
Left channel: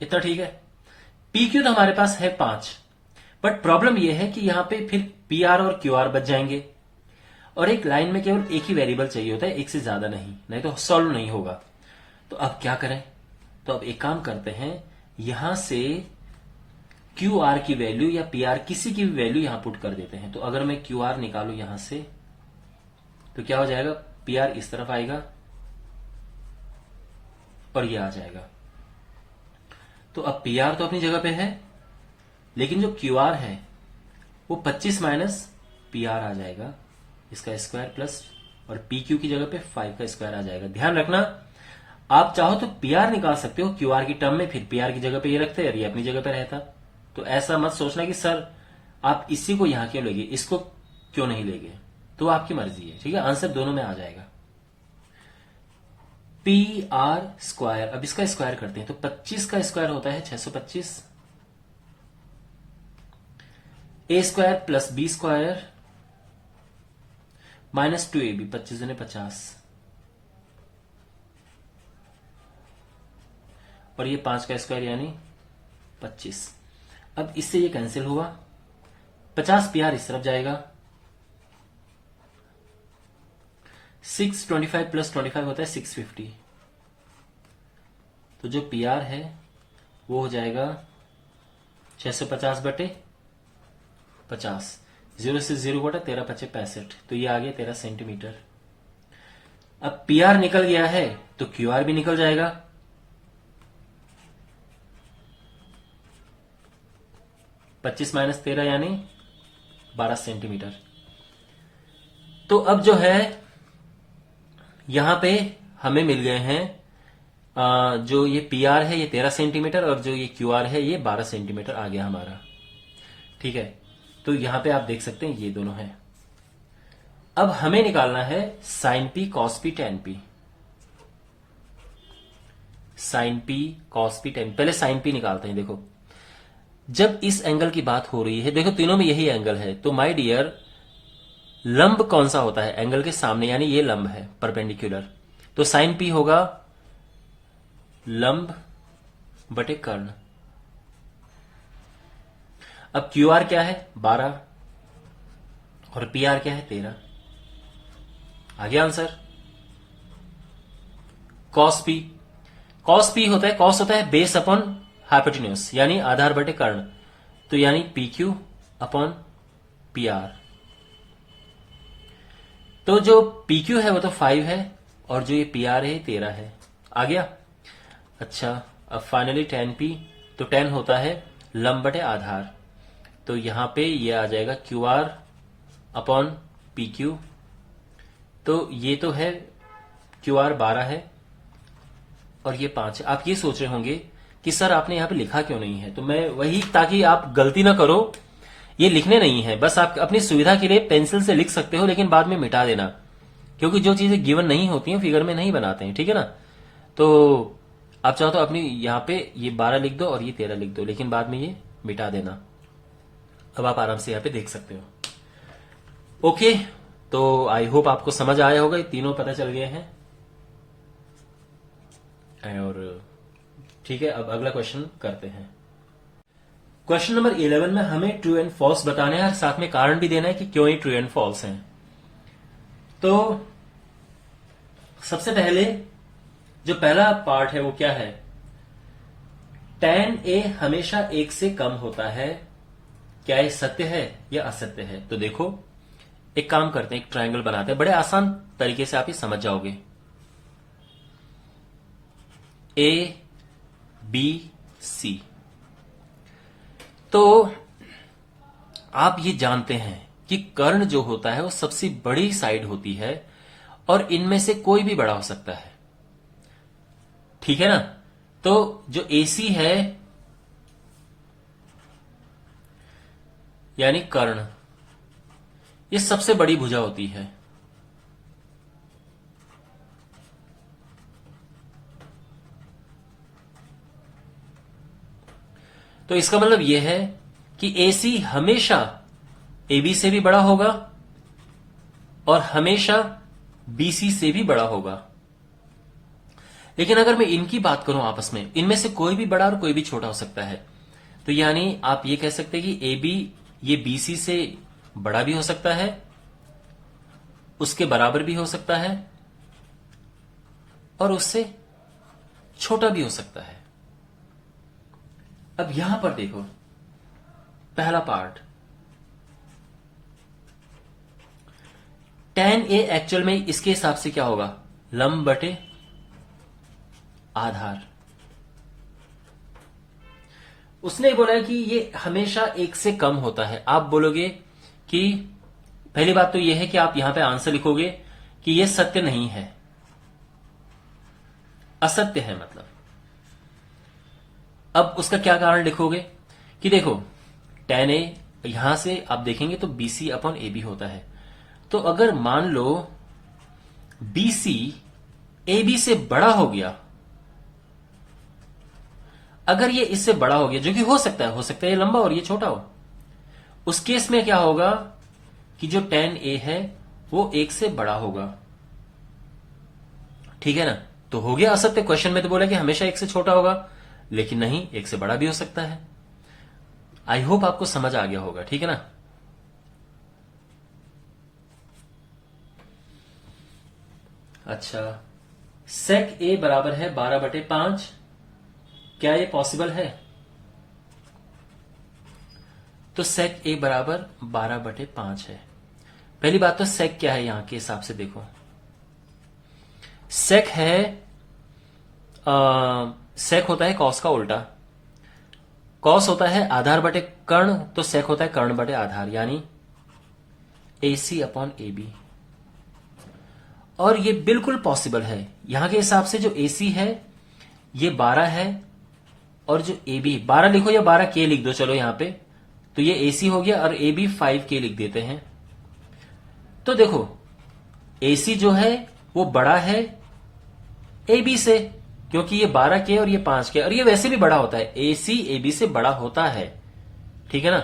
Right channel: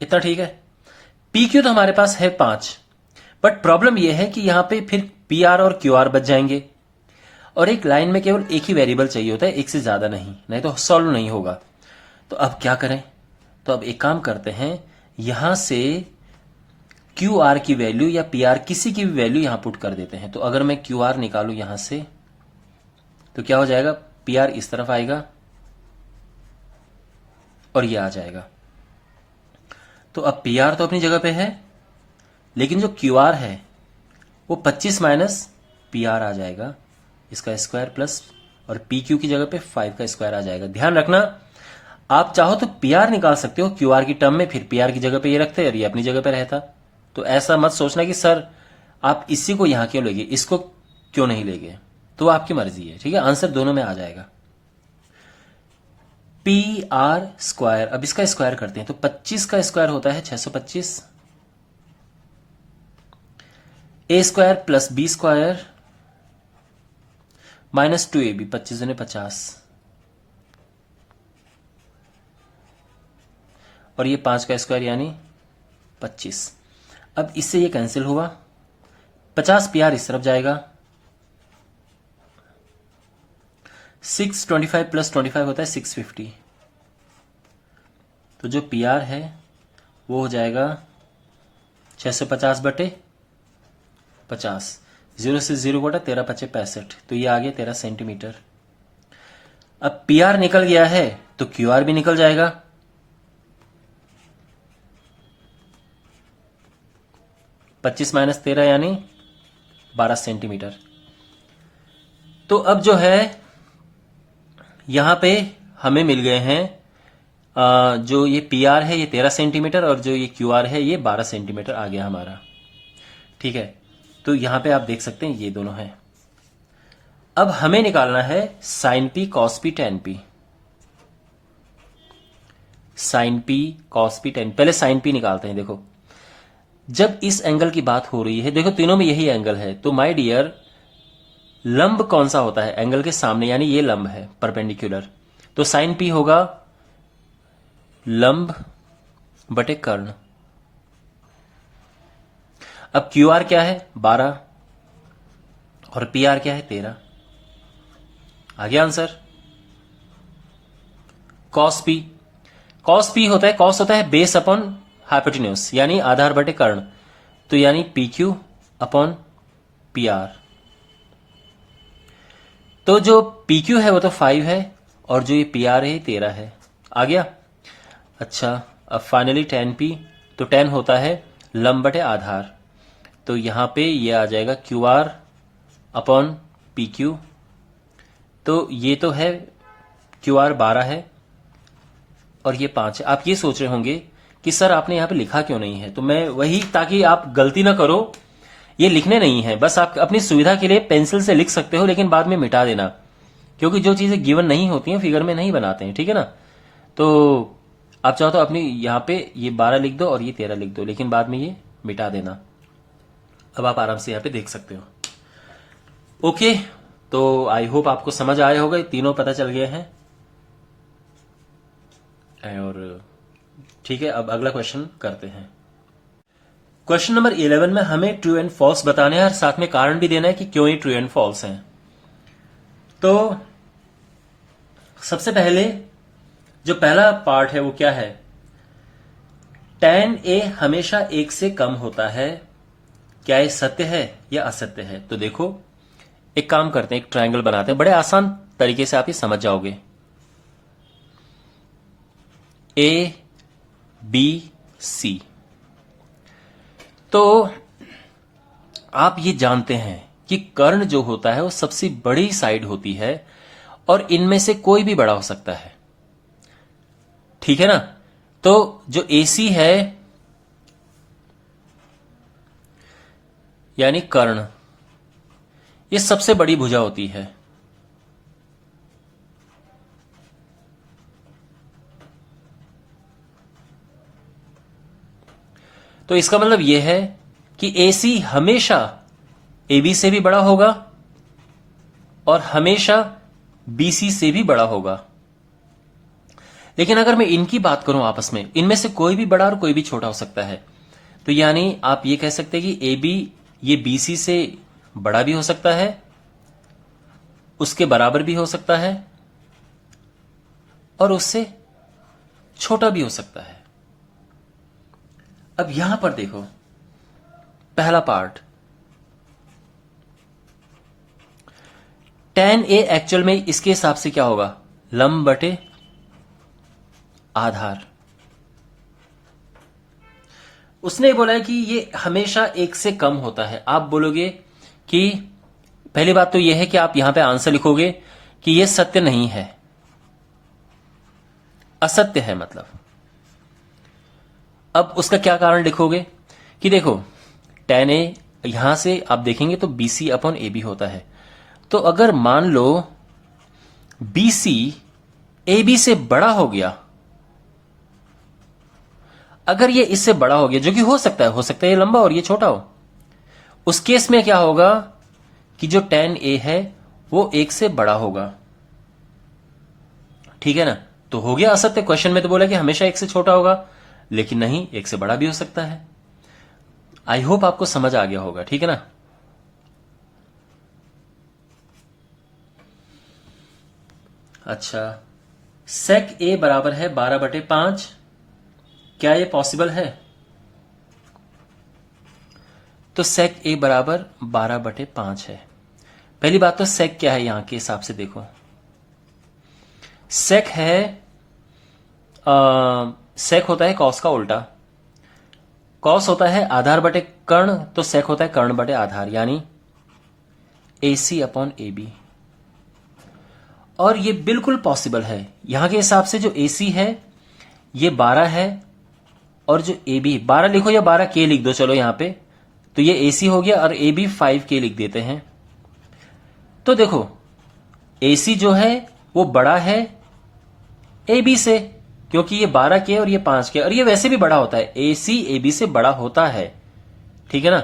इतना ठीक है। PQ तो हमारे पास है 5, बट प्रॉब्लम यह है कि यहां पे फिर PR और QR बच जाएंगे और एक लाइन में केवल एक ही वेरिएबल चाहिए होता है, एक से ज्यादा नहीं तो सॉल्व नहीं होगा। तो अब क्या करें, तो अब एक काम करते हैं, यहां से क्यू आर की वैल्यू या पी आर किसी की भी वैल्यू यहां पुट कर देते हैं। तो अगर मैं क्यू आर निकालू यहां से तो क्या हो जाएगा, पी आर इस तरफ आएगा और ये आ जाएगा। तो अब पी आर तो अपनी जगह पे है, लेकिन जो क्यू आर है वो 25 माइनस पी आर आ जाएगा, इसका स्क्वायर प्लस, और पी क्यू की जगह पे 5 का स्क्वायर आ जाएगा। ध्यान रखना, आप चाहो तो पी आर निकाल सकते हो क्यू आर की टर्म में, फिर पी आर की जगह पे ये रखते और ये अपनी जगह पे रहता। तो ऐसा मत सोचना कि सर आप इसी को यहां क्यों लेंगे, इसको क्यों नहीं लेंगे, तो आपकी मर्जी है। ठीक है, आंसर दोनों में आ जाएगा। पी आर स्क्वायर, अब इसका स्क्वायर करते हैं तो 25 का स्क्वायर होता है 625, A square plus B square minus 2ab, 25 दूनी 50, और ये 5 का स्क्वायर यानी 25। अब इससे ये कैंसिल हुआ, 50 पी आर इस तरफ जाएगा, 625 प्लस 25 होता है 650। तो जो पी आर है वो हो जाएगा 650 बटे 50, 0 से 0 घटा 13 पचे 65, तो ये आ गया 13 सेंटीमीटर। अब पी आर निकल गया है तो क्यू आर भी निकल जाएगा। पच्चीस माइनस 13 यानी 12 सेंटीमीटर। तो अब जो है यहां पे हमें मिल गए हैं जो ये पी आर है ये 13 सेंटीमीटर और जो ये क्यू आर है ये 12 सेंटीमीटर आ गया हमारा। ठीक है, तो यहां पे आप देख सकते हैं ये दोनों हैं। अब हमें निकालना है sine P cos P tan P. Sine P cos P tan, पहले साइन पी निकालते हैं। देखो जब इस एंगल की बात हो रही है, देखो तीनों में यही एंगल है, तो माय डियर लंब कौन सा होता है एंगल के सामने, यानी ये लंब है परपेंडिकुलर, तो साइन पी होगा लंब बटे कर्ण। अब क्यू आर क्या है 12 और पी आर क्या है 13, आ गया answer. Cos P, cos P होता है, कॉस होता है बेस अपॉन हाइपोटेन्यूज यानी आधार बटे कर्ण, तो यानी P Q upon P R. तो जो पी क्यू है वो तो 5 है और जो ये पी आर है 13 है, आ गया। अच्छा अब फाइनली टेन पी, तो टेन होता है लंब बटे आधार, तो यहां पे ये आ जाएगा Q R upon P Q. तो ये तो है क्यू आर 12 है और ये 5 है। आप ये सोच रहे होंगे कि सर आपने यहां पे लिखा क्यों नहीं है, तो मैं वही, ताकि आप गलती ना करो, ये लिखने नहीं है, बस आप अपनी सुविधा के लिए पेंसिल से लिख सकते हो लेकिन बाद में मिटा देना, क्योंकि जो चीजें गिवन नहीं होती हैं फिगर में नहीं बनाते हैं। ठीक है ना, तो आप चाहो तो अपनी यहां पे ये 12 लिख दो और ये 13 लिख दो, लेकिन बाद में ये मिटा देना। अब आप आराम से यहां पे देख सकते हो। ओके, तो आई होप आपको समझ आया होगा, ये तीनों पता चल गए हैं। और ठीक है, अब अगला क्वेश्चन करते हैं। क्वेश्चन नंबर 11 में हमें ट्रू एंड फॉल्स बताने हैं और साथ में कारण भी देना है कि क्यों ये ट्रू एंड फॉल्स हैं। तो सबसे पहले जो पहला पार्ट है वो क्या है, tan a हमेशा 1 से कम होता है, क्या ये सत्य है या असत्य है। तो देखो एक काम करते हैं, एक ट्रायंगल बनाते हैं, बड़े आसान तरीके से आप ये समझ जाओगे। ए बी सी, तो आप ये जानते हैं कि कर्ण जो होता है वो सबसे बड़ी साइड होती है और इनमें से कोई भी बड़ा हो सकता है। ठीक है ना, तो जो AC है यानी कर्ण, ये सबसे बड़ी भुजा होती है। तो इसका मतलब यह है कि AC हमेशा AB से भी बड़ा होगा और हमेशा BC से भी बड़ा होगा। लेकिन अगर मैं इनकी बात करूं आपस में, इनमें से कोई भी बड़ा और कोई भी छोटा हो सकता है। तो यानी आप ये कह सकते हैं कि AB ये BC से बड़ा भी हो सकता है, उसके बराबर भी हो सकता है और उससे छोटा भी हो सकता है। अब यहां पर देखो, पहला पार्ट tan a एक्चुअल में इसके हिसाब से क्या होगा, लंब बटे आधार। उसने बोला है कि ये हमेशा एक से कम होता है। आप बोलोगे कि पहली बात तो यह है कि आप यहां पे आंसर लिखोगे कि यह सत्य नहीं है, असत्य है मतलब। अब उसका क्या कारण लिखोगे कि देखो tan a यहां से आप देखेंगे तो BC अपॉन AB होता है। तो अगर मान लो BC AB से बड़ा हो गया, अगर ये इससे बड़ा हो गया, जो कि हो सकता है ये लंबा और ये छोटा हो, उस केस में क्या होगा कि जो tan a है वो एक से बड़ा होगा। ठीक है ना, तो हो गया असत्य। क्वेश्चन में तो बोला कि हमेशा एक से छोटा होगा, लेकिन नहीं, एक से बड़ा भी हो सकता है। आई होप आपको समझ आ गया होगा, ठीक है ना। अच्छा, sec a बराबर है 12/5, क्या ये पॉसिबल है? तो sec a बराबर 12/5 है। पहली बात तो sec क्या है यहां के हिसाब से देखो, sec है sec होता है cos का उल्टा, cos होता है आधार बटे कर्ण, तो sec होता है कर्ण बटे आधार, यानी AC अपॉन AB। और ये बिल्कुल पॉसिबल है। यहां के हिसाब से जो AC है ये 12 है, और जो AB 12 लिखो या 12K लिख दो, चलो यहां पे, तो ये AC हो गया और AB 5K लिख देते हैं। तो देखो AC जो है वो बड़ा है AB से, क्योंकि ये 12K और ये 5K, और ये वैसे भी बड़ा होता है, AC AB से बड़ा होता है, ठीक है ना।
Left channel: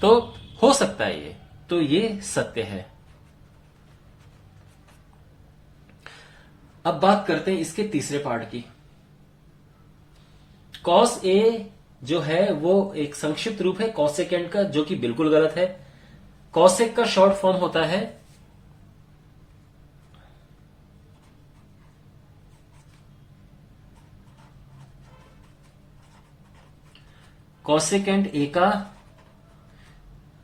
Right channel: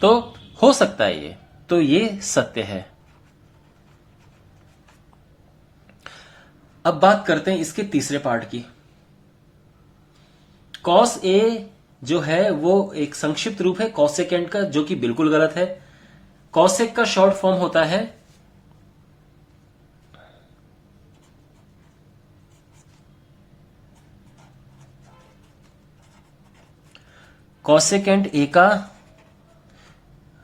तो हो सकता है ये, तो ये सत्य है। अब बात करते हैं इसके तीसरे पार्ट की। cos a जो है वो एक संक्षिप्त रूप है cosecant का, जो कि बिल्कुल गलत है। cosec का शॉर्ट फॉर्म होता है cosecant a का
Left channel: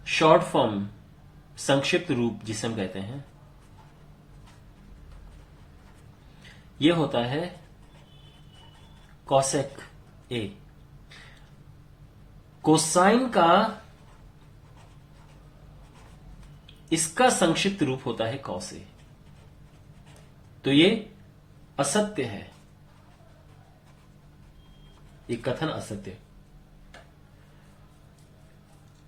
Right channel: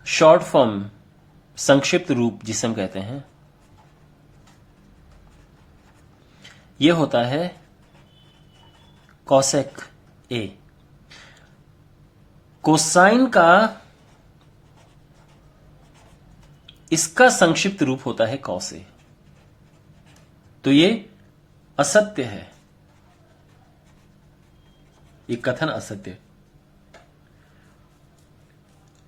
शॉर्ट फॉर्म, संक्षिप्त रूप जिसे हम कहते हैं, ये होता है cosec a। कोसाइन का इसका संक्षिप्त रूप होता है cos a। तो ये असत्य है, ये कथन असत्य है।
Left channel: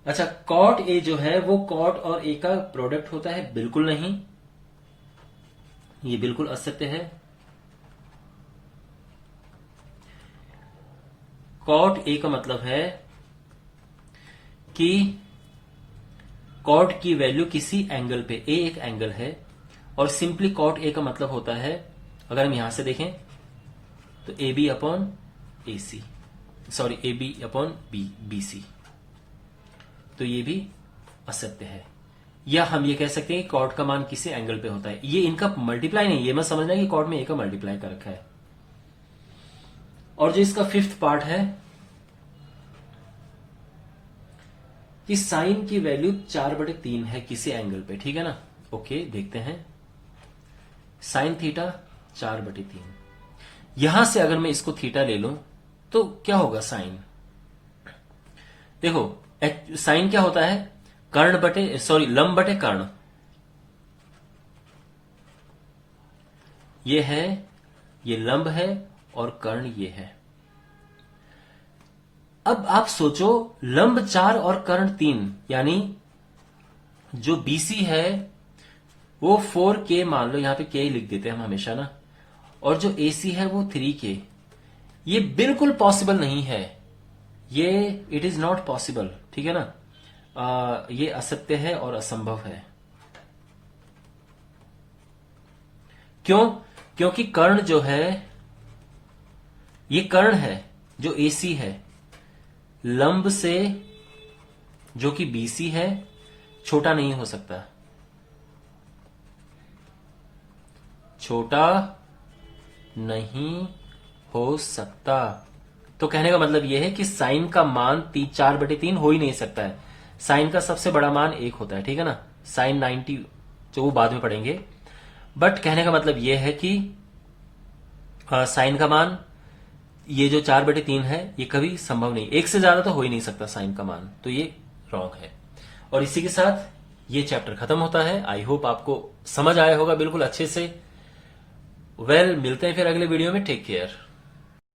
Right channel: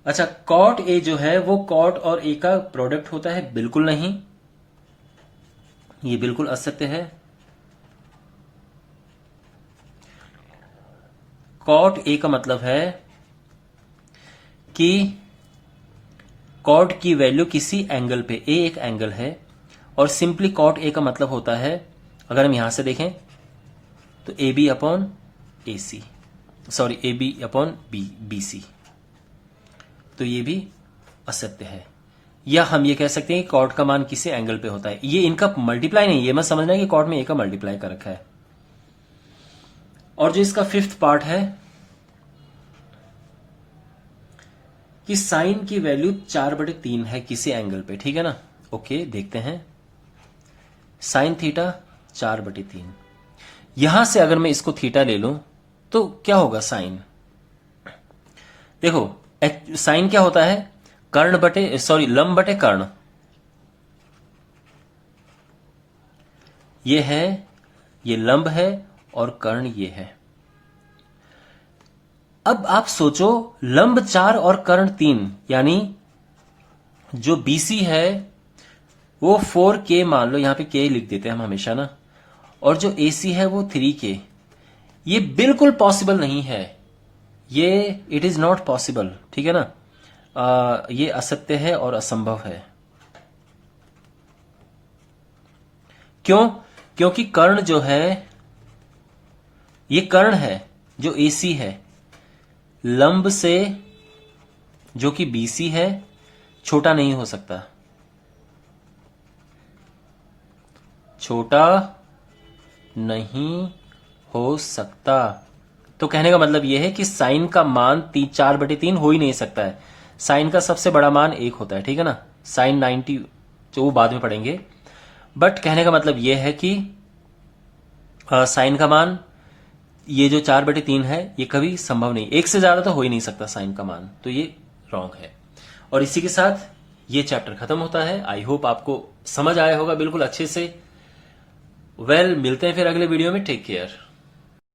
अच्छा, cot a जो है वो cot और a का प्रोडक्ट होता है, बिल्कुल नहीं, ये बिल्कुल असत्य है। cot a का मतलब है कि cot की वैल्यू किसी एंगल पे, a एक एंगल है, और सिंपली cot a का मतलब होता है, अगर हम यहां से देखें तो AB upon AC, sorry AB upon BC, तो ये भी असत्य है। या हम ये कह सकते हैं कि cot का मान किसी एंगल पे होता है, ये इनका मल्टीप्लाई नहीं, ये मत समझना कि cot में a का मल्टीप्लाई कर रखा है। और जो इसका फिफ्थ पार्ट है कि साइन की वैल्यू 4/3 है किसी एंगल पे, ठीक है ना। ओके, देखते हैं। साइन थीटा 4/3, यहां से अगर मैं इसको थीटा ले लूं तो क्या होगा साइन, देखो साइन क्या होता है, कर्ण बटे, सॉरी लंब बटे कर्ण, ये है, ये लंब है और कर्ण ये है। अब आप सोचो, लंब 4 और कर्ण 3, यानी जो BC है वो 4K मान लो, यहां पे K लिख देते हैं हम हमेशा ना, और जो AC है वो 3K। ये बिल्कुल पॉसिबल नहीं है, ये इट इज नॉट पॉसिबल, ठीक है ना। ये असत्य है और असंभव है। क्यों? क्योंकि कर्ण जो है, ये कर्ण है जो AC है, लंब से जो कि BC है छोटा नहीं हो सकता, छोटा नहीं हो सकता। तो कहने का मतलब यह है कि साइन का मान 4/3 हो ही नहीं सकता है। साइन का सबसे बड़ा मान 1 होता है, ठीक है ना। साइन 90 तो वो बाद में पढ़ेंगे, बट कहने का मतलब यह है कि साइन का मान ये जो 4/3 है ये कभी संभव नहीं, 1 से ज्यादा तो हो ही नहीं सकता साइन का मान, तो ये रॉन्ग है। और इसी के साथ ये चैप्टर खत्म होता है। आई होप आपको समझ आया होगा बिल्कुल अच्छे से। मिलते हैं फिर अगले वीडियो में। Take care.